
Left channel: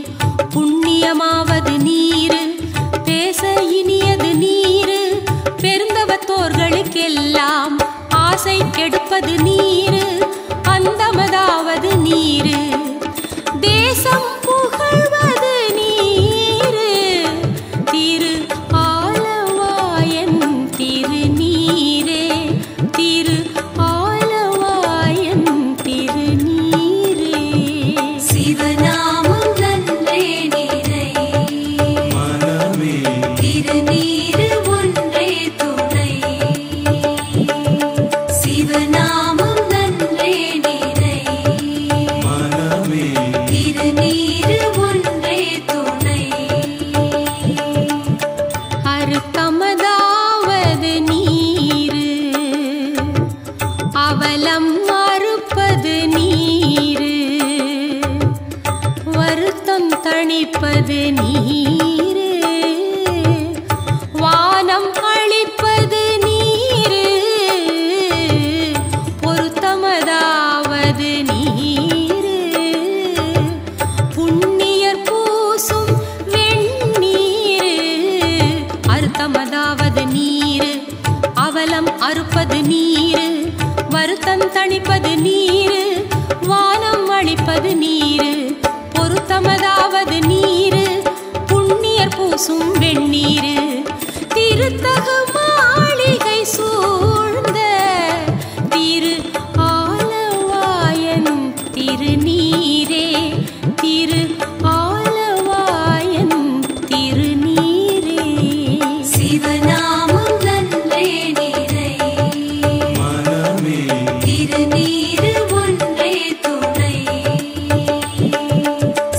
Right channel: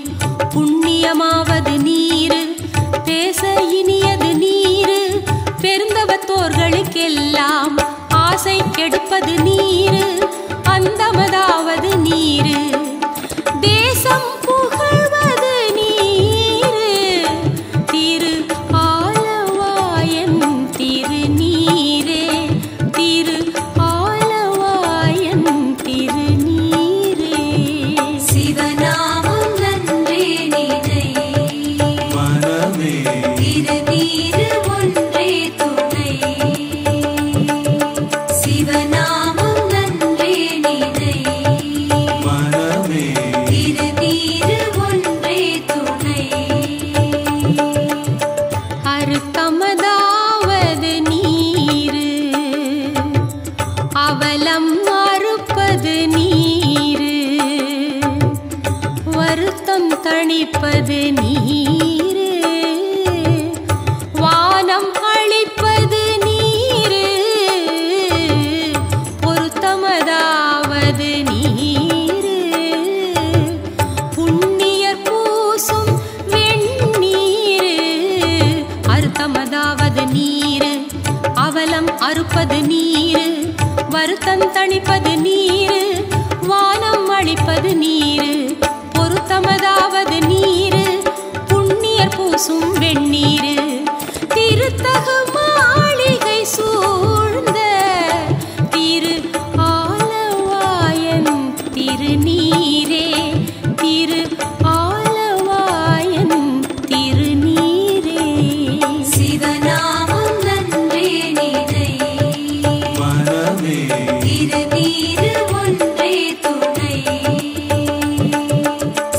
புண்ணியமாவது நீரு. பேச இனியது நீரு பெருந்தவத்தோர்களுக்கெல்லாம் ஆசை கெடுப்பது நீரு. அந்தமதாவது நீரு தேசம் புகழ்வது நீரு. திரு ஆலவாயன் திருநீரே. திரு ஆலவாயன் திருநீரே. சிவநாமம் நன்றே நினை மனமே திருநீரு ஒன்றே துணை. சிவநாமம் நன்றே நினை மனமே திருநீரு ஒன்றே துணை. அறுத்தமதாவது நீரு அவலம் அறுப்பது நீரு. வருத்தம் தணிப்பது நீரு. வானம் அளிப்பது நீரு பொருத்தமதாவது நீரு. புண்ணியர் பூசும் வெண்ணீரு அறுத்தமதாவது நீரு. அவலம் அறுப்பது நீரு. வருத்தம் தணிப்பது நீரு. வானம் அளிப்பது நீரு பொருத்தமதாவது நீரு. புண்ணியர் பூசும் வெண்ணீரு திருத்தகு மாளிகை சூழ்ந்த திரு ஆலவாயன் திருநீரே. திரு ஆலவாயன் திருநீரே. சிவநாமம் நன்றே நினை மனமே திருநீரு ஒன்றே துணை.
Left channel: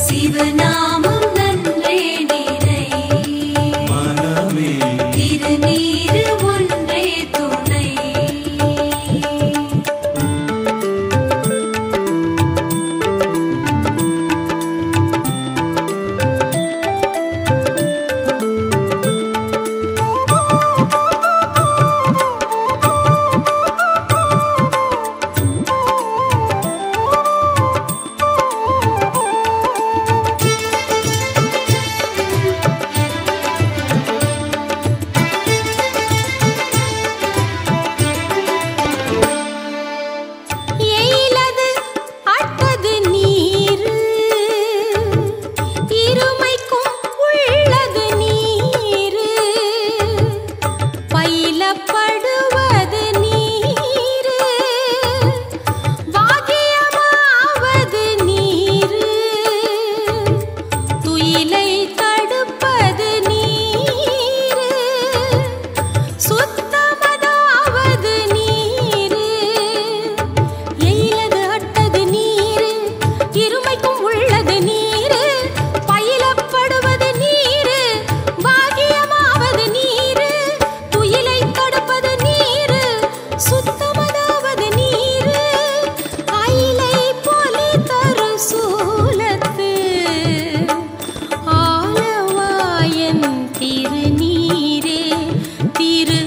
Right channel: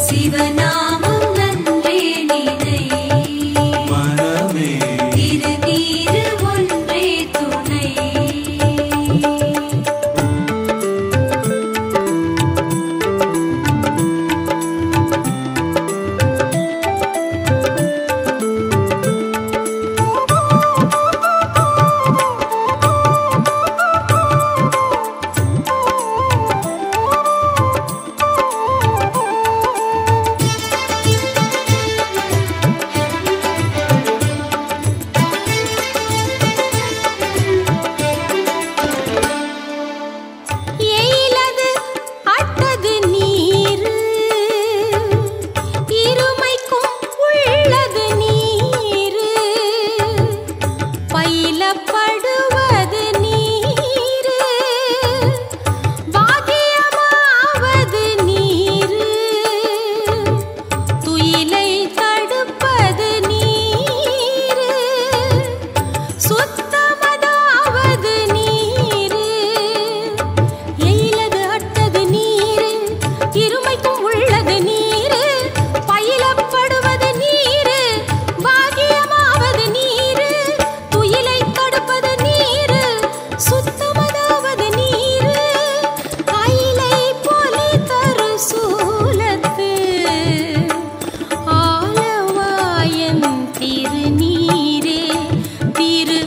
சிவநாமம் நன்றே நினை மனமே திருநீரு ஒன்றே துணை. எயிலது அட்டது நீரு இருமைக்கும் உள்ளது நீரு. பயிலப்படுவது நீரு பாக்கியமாவது நீரு. துயிலை தடுப்பது நீரு சுத்தமதாவது நீரு. எயிலது அட்டது நீரு இருமைக்கும் உள்ளது நீரு. பயிலப்படுவது நீரு பாக்கியமாவது நீரு. துயிலை தடுப்பது நீரு சுத்தமதாவது நீரு. அயிலை பொலி தரு சூலத்து ஆலவாய் திருநீரே திரு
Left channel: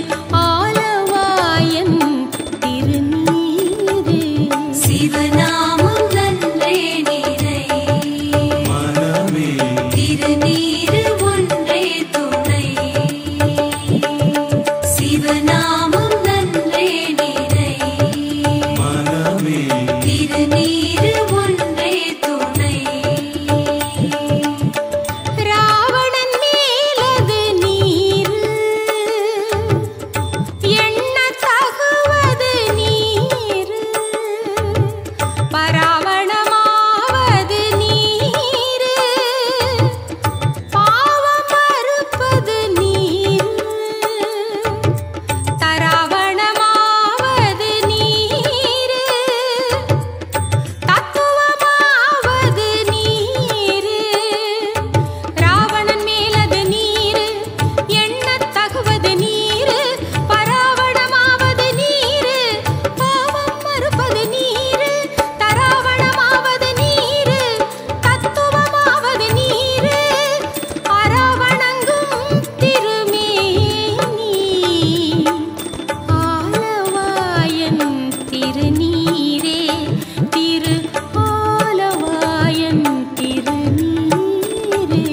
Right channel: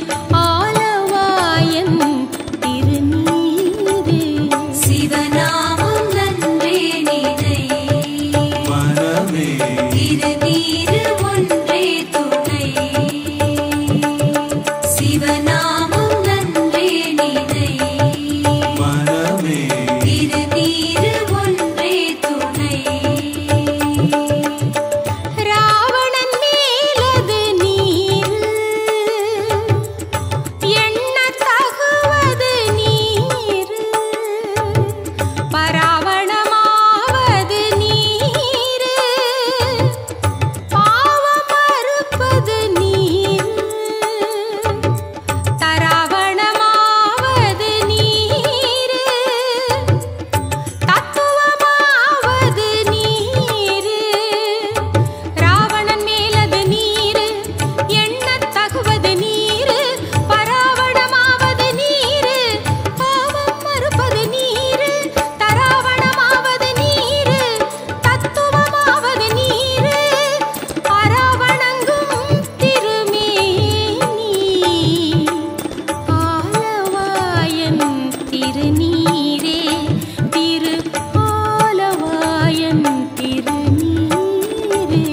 ஆலவாயன் திருநீரே சிவநாமம் நன்றே நிறை மனமே திருநீரு ஒன்றே துணை சிவநாமம் நன்றே நிறை மனமே திருநீரு ஒன்றே துணை ராவணன் மேலது நீர் எண்ண தகுவது நீர் பராவணமாவது நீர் பாவம் மறுப்பது நீர் தராவணமாவது நீர் தத்துவமாவது நீர் ராவணன் மேலது நீர் எண்ணத் தகுவது நீர் பராவணமாவது நீர் பாவம் மறுப்பது நீர் தராவணமாவது நீர் தத்துவமாவது நீர் அராவணங்கும் திருமேனி ஆலவாயன் திருநீரே திரு ஆலவாயன் திருநீரே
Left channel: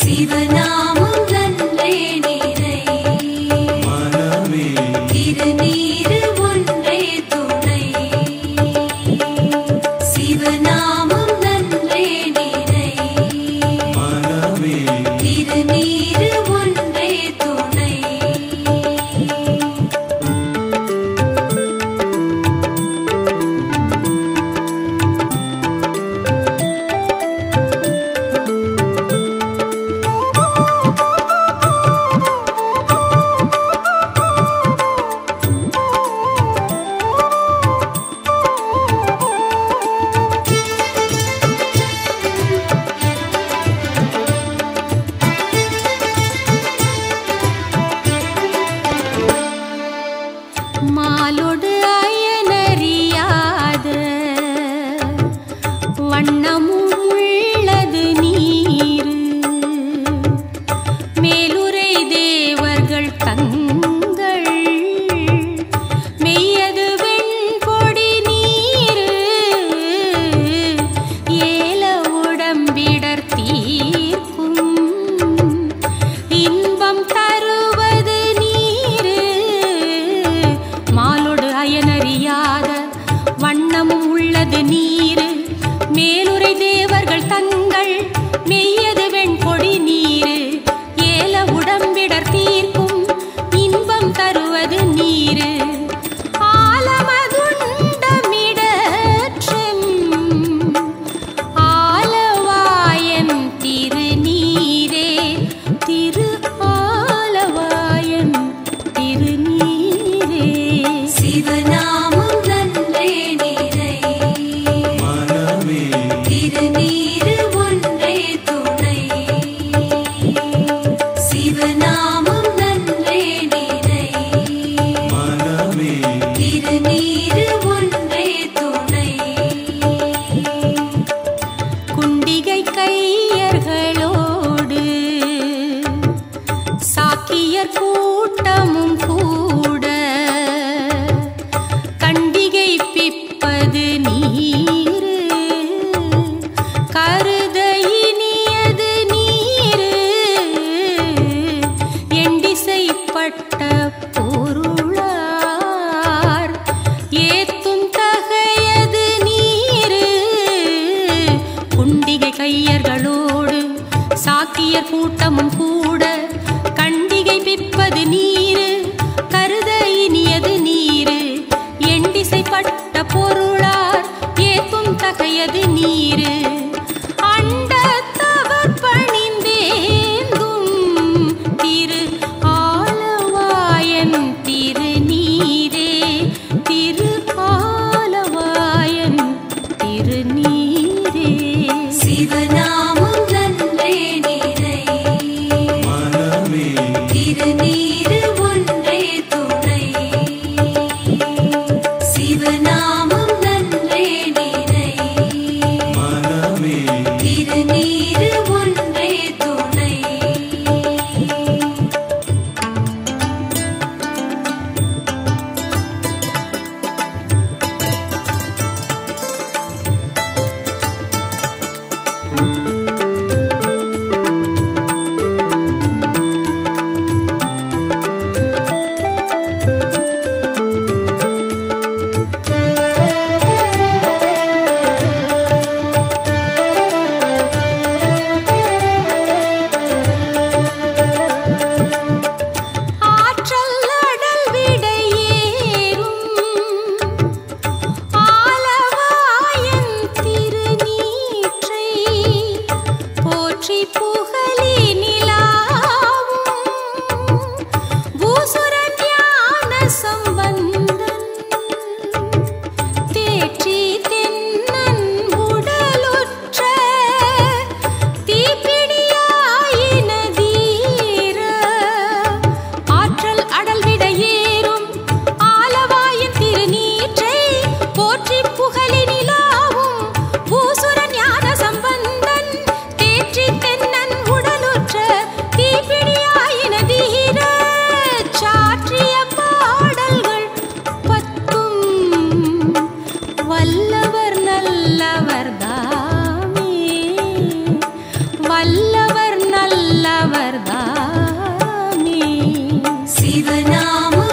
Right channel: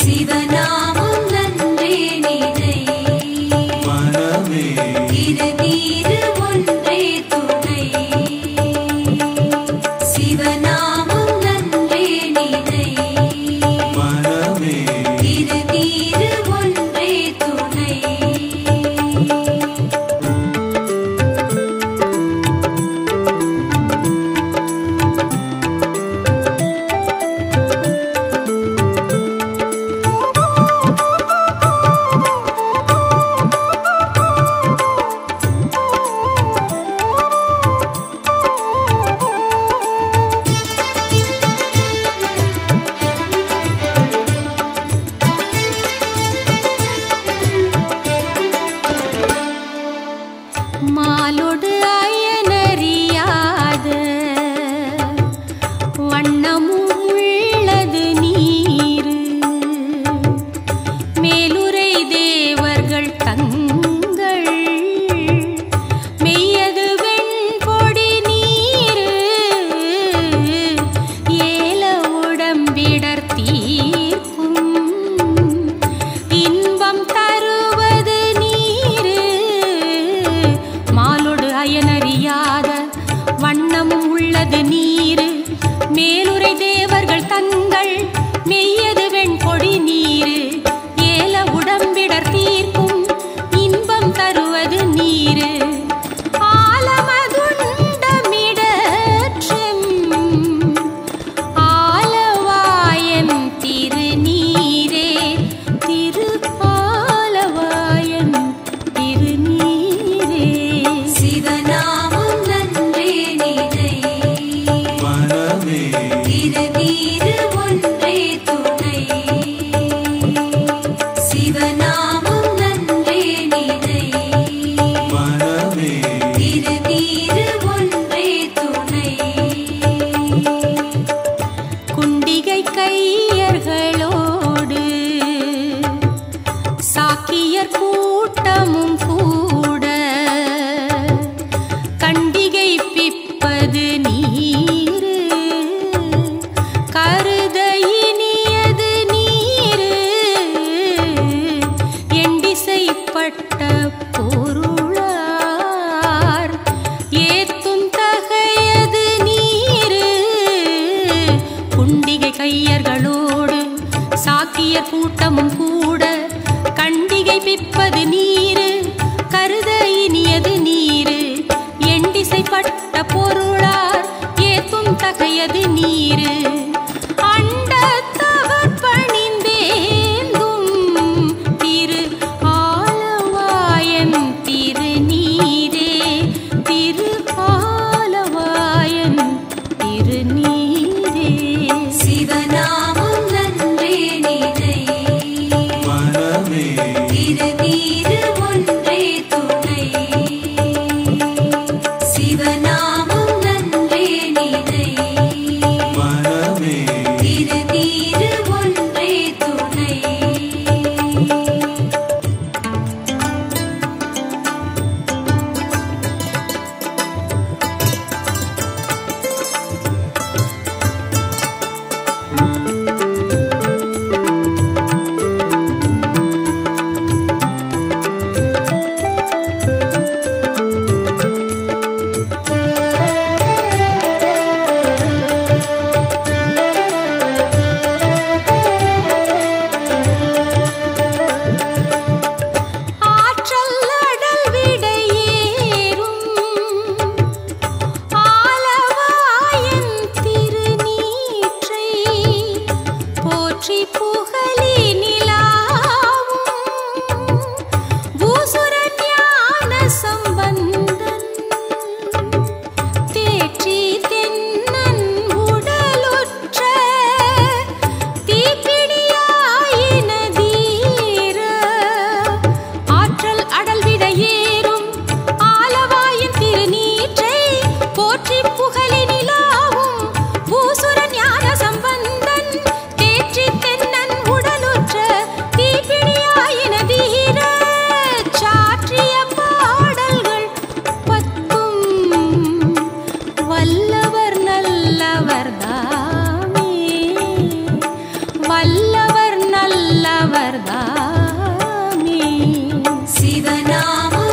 சிவநாமம் நன்றே நிறை மனமே திருநீரு ஒன்றே துணை சிவநாமம் நன்றே நிறை மனமே திருநீரு ஒன்றே துணை மாலொடு அயனறியாத வண்ணமும் உள்ளது நீர் மேலுரை தேவர்கள் தங்கள் மெய்யது வெண்பொடி நீர் ஏல உடம்பிடர் தீர்க்கும் இன்பம் தருவது நீர் மாலொடு அயனறியாத வண்ணமும் உள்ளது நீர் மேலுரை தேவர்கள் தங்கள் மெய்யது வெண்பொடி நீர் ஏல உடம்பிடர் தீர்க்கும் இன்பம் தருவது நீர் ஆலமதுண்டமிடற்றும் ஆலவாயன் திருநீரே திரு ஆலவாயன் திருநீரே சிவநாமம் நன்றே நிறை மனமே திருநீரு ஒன்றே துணை சிவநாமம் நன்றே நிறை மனமே திருநீரு ஒன்றே துணை குண்டிகை கையர்களோடு சாக்கியர் கூட்டமும் கூட கண்டிகை பிப்பது நீர் கருத இனியது நீர் எண்டிசைப்பட்ட பொருளார் ஏத்தும் தகையது நீர் குண்டிகை கையர்களோடு சாக்கியர் கூட்டமும் கூட கண்டிகை பிப்பது நீர் கருத இனியது நீர் எண்டிசைப்பட்ட பொருளார் ஏத்தும் தகையது நீர் அண்டத்தவர் பணிந்தேந்தும் திரு ஆலவாயன் திருநீரே திரு ஆலவாயன் திருநீரே சிவநாமம் நன்றே நிறை மனமே திருநீரு ஒன்றே துணை சிவநாமம் நன்றே நிறை மனமே திரு ஆற்றிய பாடல்கள் பத்தும் வல்லவர் நல்லவர்தாமே, வல்லவர் நல்லவர்தாமே. சிவநாமம்